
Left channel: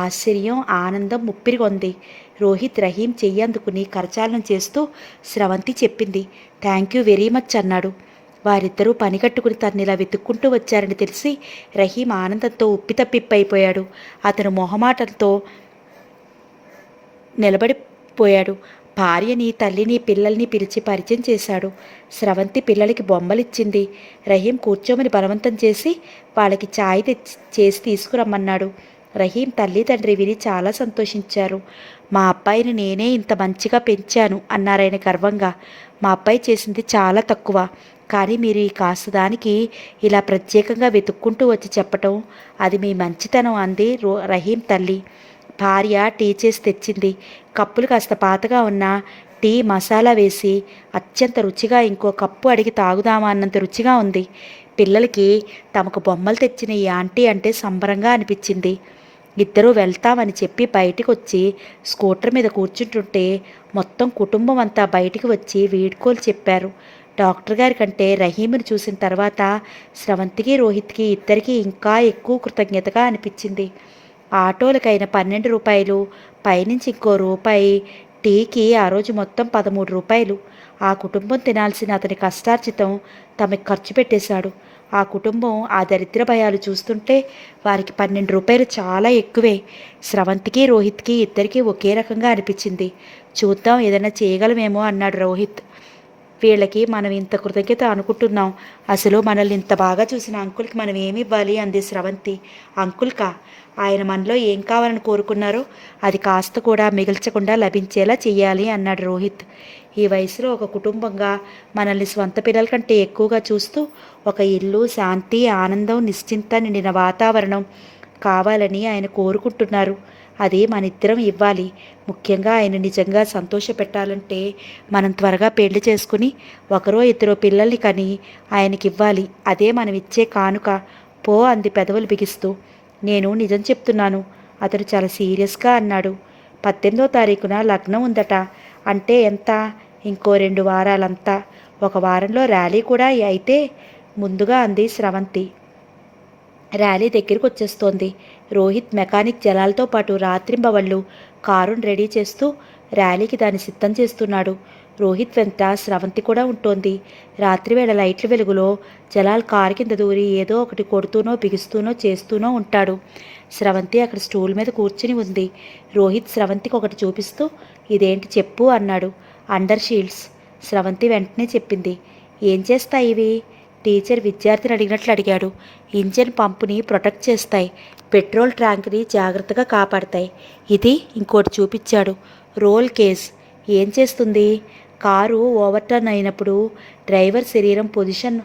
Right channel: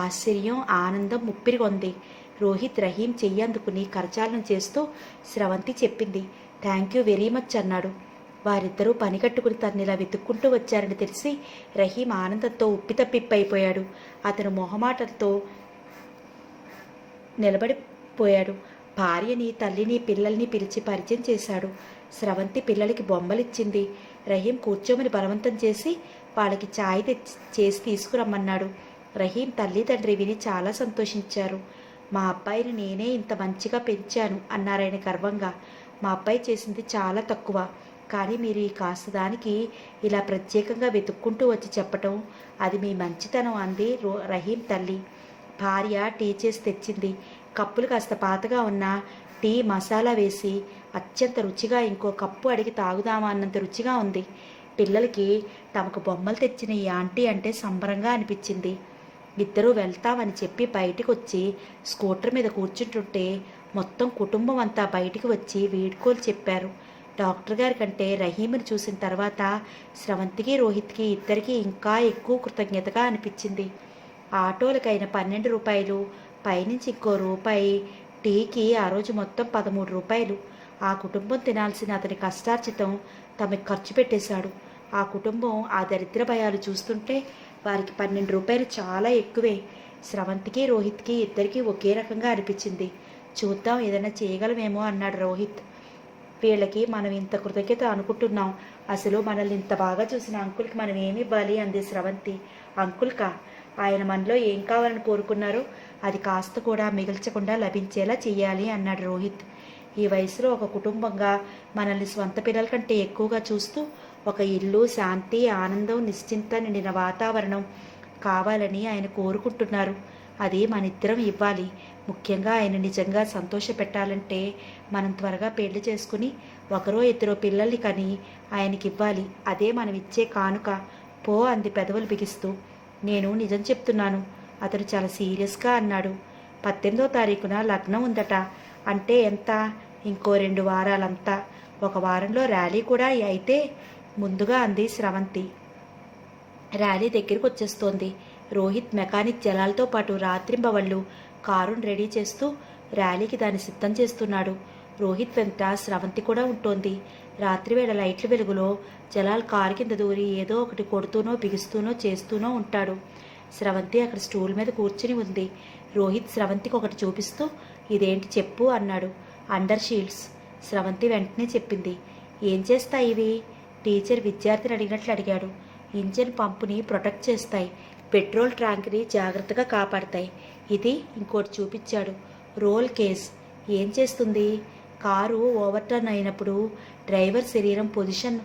ఆశ్చర్యం, ఆనందం ముప్పిరిగొంది. రోహిత్ రహీం చెయ్యి అందుకుని కరచాలనం చేస్తూ స్రవంతి చెప్పింది. థ్యాంక్ యూ వెరీ మచ్ అన్నాడు. వారిద్దరూ పని కట్టుకుని తన్నిలా వెతుక్కుంటూ వచ్చారని తెలిసి రహీం ఆనందంతో ఉప్పితప్పిప్పైపోయాడు. అతను మొహమాటంతో నిలబడిపోయాడు. భార్యని, తల్లిని, పిల్లల్ని పిలిచి పరిచయం చేశాడు. స్రవంతి పిల్లలకి బొమ్మలిచ్చింది. రహీం కూర్చోమని బలవంతం చేసి వాళ్ళకి ఛాయ్ చేసి తీసుకురమ్మన్నాడు. రహీం తల్లి తండ్రి విని చాలా సంతోషించారు. మా అబ్బాయిని నేనే ఇంత మంచిగా పెంచాను అన్నారాయన గర్వంగా. మా అబ్బాయి చేసింది చాలా తక్కువ, కానీ మీరు ఈ కాస్త దానికి ఇలా ప్రత్యేకంగా వెతుక్కుంటూ వచ్చి చెప్పటం అది మీ మంచితనం అంది రహీం తల్లి. భార్య టీ చేసి తెచ్చింది. కప్పులు కాస్త పాతగా ఉన్న టీ మసాలా వేసి అత్యంత రుచిగా ఇంకో కప్పు అడిగి తాగుదామా అన్నంత రుచిగా ఉంది. పిల్లలకి తమకు బొమ్మలు తెచ్చిన ఈ ఆంటీ అంటే సంబరంగా అనిపించింది. ఇద్దరూ వెళ్తామని చెప్పి బయటికి వచ్చి స్కూటర్ మీద కూర్చుంటుంటే మొత్తం కుటుంబం అంతా బయటికి వచ్చి వీడ్కోలు చెప్పారు. డాక్టర్ గారి కంటే రహీముని చూసిన తర్వాత స్రవంతికి, రోహిత్కి ఇద్దరికీ ఇంకా ఎక్కువ కృతజ్ఞతగా అనిపించింది. ఆటోలకైన 12 రూపాయలు, పైనుంచి ఇంకో రూపాయి, టీకి ఆ రోజు మొత్తం 13 రూపాయలు. ఆ కుటుంబం తినాల్సిన అతని కష్టార్జితం తమకి ఖర్చు పెట్టేశాడు. ఆ కుటుంబం ఆ దరిద్ర భయాలు చూస్తుంటే వారికి 12 రూపాయలు చాలా ఎక్కువే. స్రవంతికి, రోహిత్కి ఇద్దరికీ ఒకే రకంగా అనిపించింది. చూద్దాం, ఏదైనా చేయగలమేమో అన్నాడు రోహిత్. వీళ్ళకి మనం ఇంత కృతజ్ఞత అనుకుంటున్నాం, అసలు మనల్ని ఇంత బాగా చూసిన అంకుల్కి మనం ఏమి ఇవ్వాలి అంది స్రవంతి. అంకుల్కా? ఆయన మనలో ఏం కావాలని కోరుకున్నారో అది కాస్త కూడా మిగిల్చకుండా లభించేలా చెయ్యాలి అన్నాడు రోహిత్. ఈ వయసులో ఒక కుటుంబంగా మనల్ని స్వంత పిల్లల కంటే ఎక్కువగా చూస్తూ ఒక ఇల్లు, శాంతి, ఆనందం, నిశ్చింత నిండిన వాతావరణం కావాలని ఆయన కోరుకుంటున్నారు. అది మనిద్దరం ఇవ్వాలి. ముఖ్యంగా ఆయన నిజంగా సంతోషపెట్టాలంటే మనం త్వరగా పెళ్లి చేసుకుని ఒకరో ఇద్దరో పిల్లల్ని కని ఆయనకి ఇవ్వాలి. అదే మనం ఇచ్చే కానుక. పో అంది పెదవులు బిగిస్తూ. నేను నిజం చెప్తున్నాను, అతను చాలా సీరియస్గా అన్నాడు. 18వ తారీఖున లగ్నం ఉందట. అంటే ఎంత? ఇంకో 2 వారాలంతా. ఒక వారంలో ర్యాలీ కూడా అయితే ముందుగా అంది స్రవంతి. ర్యాలీ దగ్గరికి వచ్చేస్తోంది. రోహిత్ మెకానిక్ జలాలతో పాటు రాత్రింబవళ్ళు కారును రెడీ చేస్తూ ర్యాలీకి దాన్ని సిద్ధం చేస్తున్నాడు. రోహిత్ వెంట స్రవంతి కూడా ఉంటోంది. రాత్రివేళ లైట్ల వెలుగులో జలాల్ కారు కింద దూరి ఏదో ఒకటి కొడుతూనో బిగిస్తూనో చేస్తూనో ఉంటాడు. స్రవంతి అక్కడ స్టూల్ మీద కూర్చుని ఉంది. రోహిత్ స్రవంతికి ఒకటి చూపిస్తూ ఇదేంటి చెప్పు అన్నాడు. Under shields. స్రవంతి వెంటనే చెప్పింది. ఏం చేస్తాయి ఇవి? టీచర్ విద్యార్థిని అడిగినట్లు అడిగాడు. ఇంజిన్ పంపుని ప్రొటెక్ట్ చేస్తాయి, పెట్రోల్ ట్యాంక్ని జాగ్రత్తగా కాపాడతాయి. ఇది ఇంకోటి చూపించాడు. Roll cage. ఏం చేస్తుంది? కారు ఓవర్టర్న్ అయినప్పుడు డ్రైవర్ శరీరం పొజిషన్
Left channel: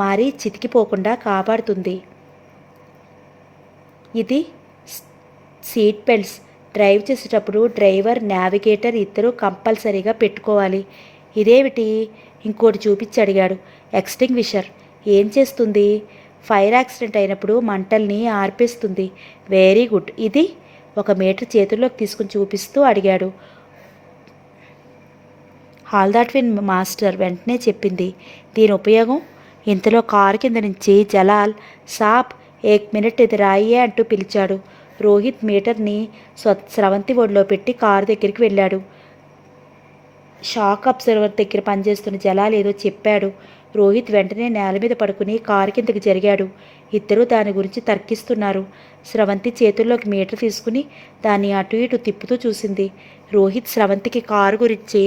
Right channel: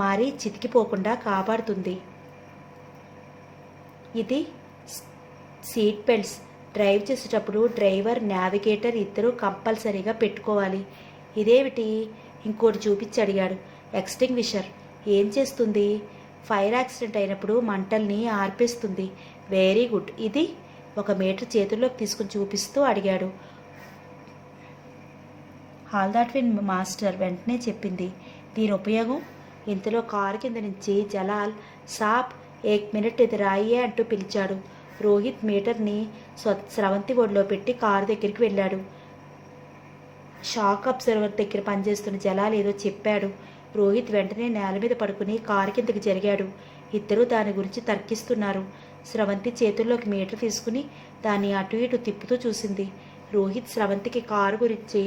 మారి చితికిపోకుండా కాపాడుతుంది. ఇది సీట్ బెల్ట్స్. డ్రైవ్ చేసేటప్పుడు డ్రైవర్, నావిగేటర్ ఇద్దరూ కంపల్సరీగా పెట్టుకోవాలి. ఇదేమిటి? ఇంకోటి చూపించి అడిగాడు. ఎక్స్టింగ్విషర్. ఏం చేస్తుంది? ఫైర్ యాక్సిడెంట్ అయినప్పుడు మంటల్ని ఆర్పేస్తుంది. Very good. ఇది? ఒక మీటర్ చేతుల్లోకి తీసుకుని చూపిస్తూ అడిగాడు. హాల్దాట్విన్ మాస్టర్ వెంటనే చెప్పింది. దీని ఉపయోగం? ఇంతలో కారు కింద నుంచి జలాల్, సాబ్ ఏక్ మినిట్ ఇది రాయే అంటూ పిలిచాడు. రోహిత్ మీటర్ని స్రవంతి ఒడిలో పెట్టి కారు దగ్గరికి వెళ్ళాడు. షాక్ అబ్జర్వర్ దగ్గర పనిచేస్తున్న జలాల్ ఏదో చెప్పాడు. రోహిత్ వెంటనే నేల మీద పడుకుని కారు కిందకి జరిగాడు. ఇద్దరూ దాని గురించి తర్కిస్తున్నారు. స్రవంతి చేతుల్లోకి మీటర్ తీసుకుని దాన్ని అటు ఇటు తిప్పుతూ చూసింది. రోహిత్ స్రవంతికి కారు గురించి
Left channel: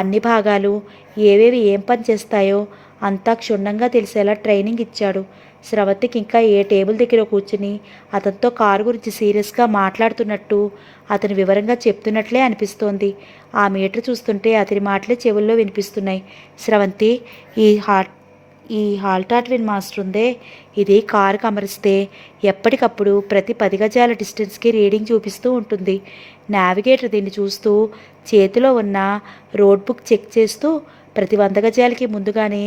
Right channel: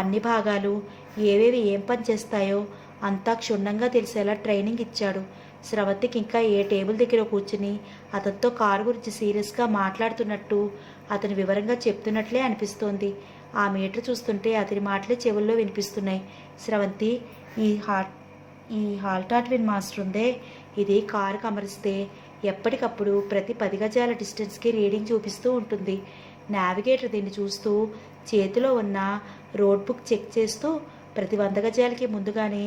అన్ని భాగాలు ఏవేవి ఏం పని చేస్తాయో అంతా క్షుణ్ణంగా తెలిసేలా ట్రైనింగ్ ఇచ్చాడు. స్రవంతికి ఇంకా ఏ టేబుల్ దగ్గర కూర్చుని అతనితో కారు గురించి సీరియస్గా మాట్లాడుతున్నట్టు, అతను వివరంగా చెప్తున్నట్లే అనిపిస్తోంది. ఆ మీటర్ చూస్తుంటే అతని మాటలే చెవుల్లో వినిపిస్తున్నాయి. స్రవంతి, ఈ హాల్టాట్విన్ మాస్టర్ ఉందే, ఇది కారుకు అమరిస్తే ఎప్పటికప్పుడు ప్రతి 10 గజాల డిస్టెన్స్కి రీడింగ్ చూపిస్తూ ఉంటుంది. నావిగేటర్ దీన్ని చూస్తూ చేతిలో ఉన్న రోడ్ బుక్ చెక్ చేస్తూ ప్రతి 100 గజాలకి ముందుగానే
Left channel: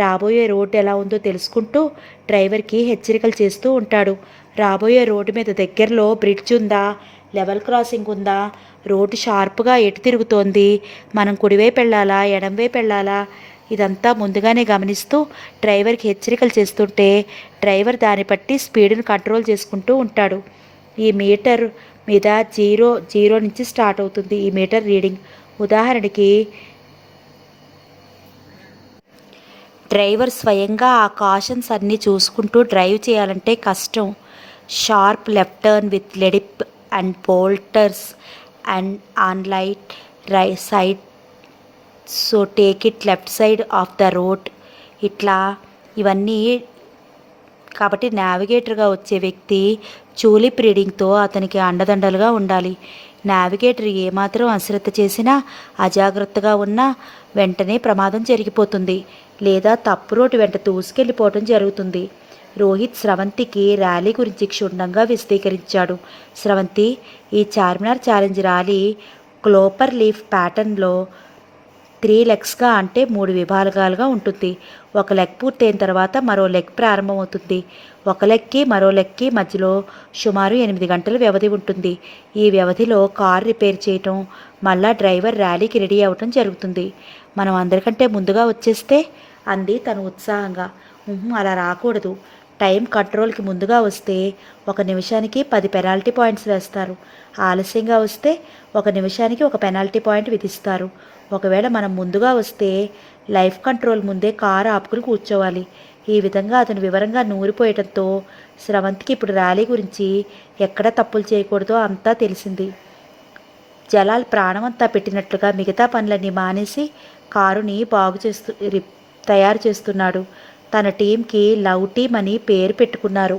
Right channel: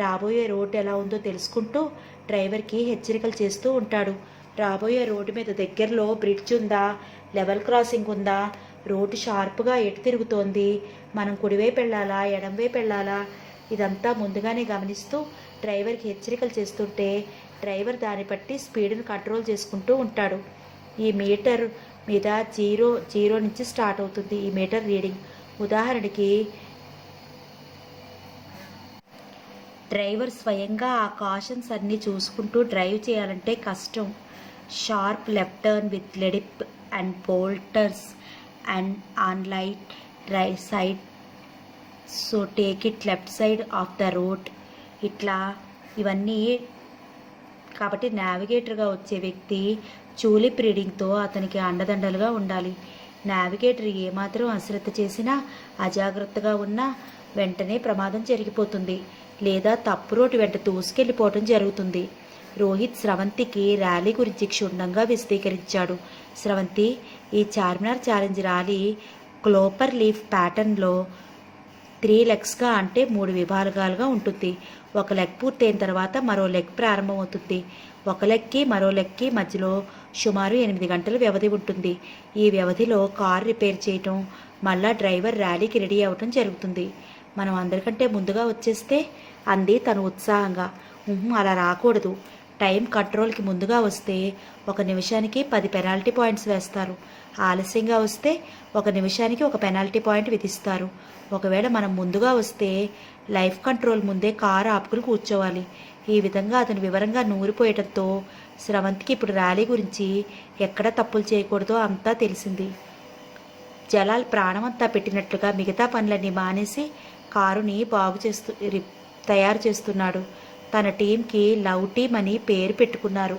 రాబోయే రోడ్డు ఎలా ఉందో తెలుసుకుంటూ డ్రైవర్కి హెచ్చరికలు చేస్తూ ఉంటాడు. రాబోయే రోడ్డు మీద దగ్గరలో బ్రిడ్జ్ ఉందా, లెవెల్ క్రాసింగ్ ఉందా, రోడ్డు షార్ప్గా ఎటు తిరుగుతోంది, మనం కుడివైపు వెళ్ళాలా ఎడంవైపు వెళ్ళాలా, ఇదంతా ముందుగానే గమనిస్తూ డ్రైవర్కి హెచ్చరికలు చేస్తుంటే డ్రైవర్ దాన్ని బట్టి స్పీడ్ని కంట్రోల్ చేసుకుంటూ ఉంటాడు. ఈ మీటర్ మీద జీరో నుంచి స్టార్ట్ అవుతుంది ఈ మీటర్ రీడింగ్. ఉదాహరణకి డ్రైవర్ స్వయంగా ఆ కాషన్స్ అన్నీ చూసుకుంటూ డ్రైవ్ చేయాలంటే కష్టం. Sharp left turn with a dip and boulders and on light side, so take it left side of the road. ఇట్లా ఇవన్నీ కాబట్టి నావిగేటర్గా వచ్చే వ్యక్తి చూలిప్ రీడింగ్తో అతనికి అండదండలుగా ఉండాలి. నావిగేటర్ ఏమాత్రం అశ్రద్ధ చేసినా, అజాగ్రత్తగా ఉన్నా వెంటనే ప్రమాదం జరిగిపోతుంది, లేదా తప్పు రోడ్డు వెంట దూసుకెళ్ళిపోవడం జరుగుతుంది. రోహిత్ స్రవంతికి ర్యాలీ గురించి క్షుణ్ణంగా విశదీకరించాడు. స్రవంతి, ఈ చార్మినార్ ఛాలెంజ్ ర్యాలీ క్లోపర్ లీఫ్ ప్యాటర్న్లో 3 లెగ్స్గా అంటే 3 విభాగాలుగా ఉంటుంది. ఒక లెగ్ పూర్తయిన తర్వాత మరో లెగ్ ప్రారంభమవుతుంది. ఒక లెగ్కి మరో లెగ్కి మధ్యలో సుమారు 8 గంటల వ్యవధి ఉంటుంది. ఈ వ్యవధిలో కారు రిపేర్ చేయటం, మళ్ళా డ్రైవర్ ర్యాలీకి రెడీ అవ్వటం జరుగుతుంది. మనం అందరికంటే ముందుగా వచ్చేస్తే, అంది తను ఉత్సాహంగా. అలా రాకూడదు. టైం కంట్రోల్కి ముందుగా వస్తే 1 నిమిషానికి 10 పెనాల్టీ పాయింట్స్ వేస్తారు. ఆలస్యంగా వస్తే 1 నిమిషానికి 1 పెనాల్టీ పాయింట్ విధిస్తారు. ఒకవేళ మనం ముందుగా వస్తే లైఫ్ కంట్రోల్ ముందే కారు ఆపుకుని కూర్చోవాలి. ఈ విధంగా అతను వివరంగా నూరిపోయడంతో స్రవంతికి ఇప్పుడు ర్యాలీ గురించి ఎక్కడ తప్పులు చేయకూడదో అంతా తెలిసింది. జలాల్ ప్రాణమంతా పెట్టినట్లుగా మిగతా పనులన్నీ మానేసి కారుని తయారు చేస్తున్నాడు. తన టీంకి లవ్ టీమ్ అని పేరు పెట్టుకున్నారు.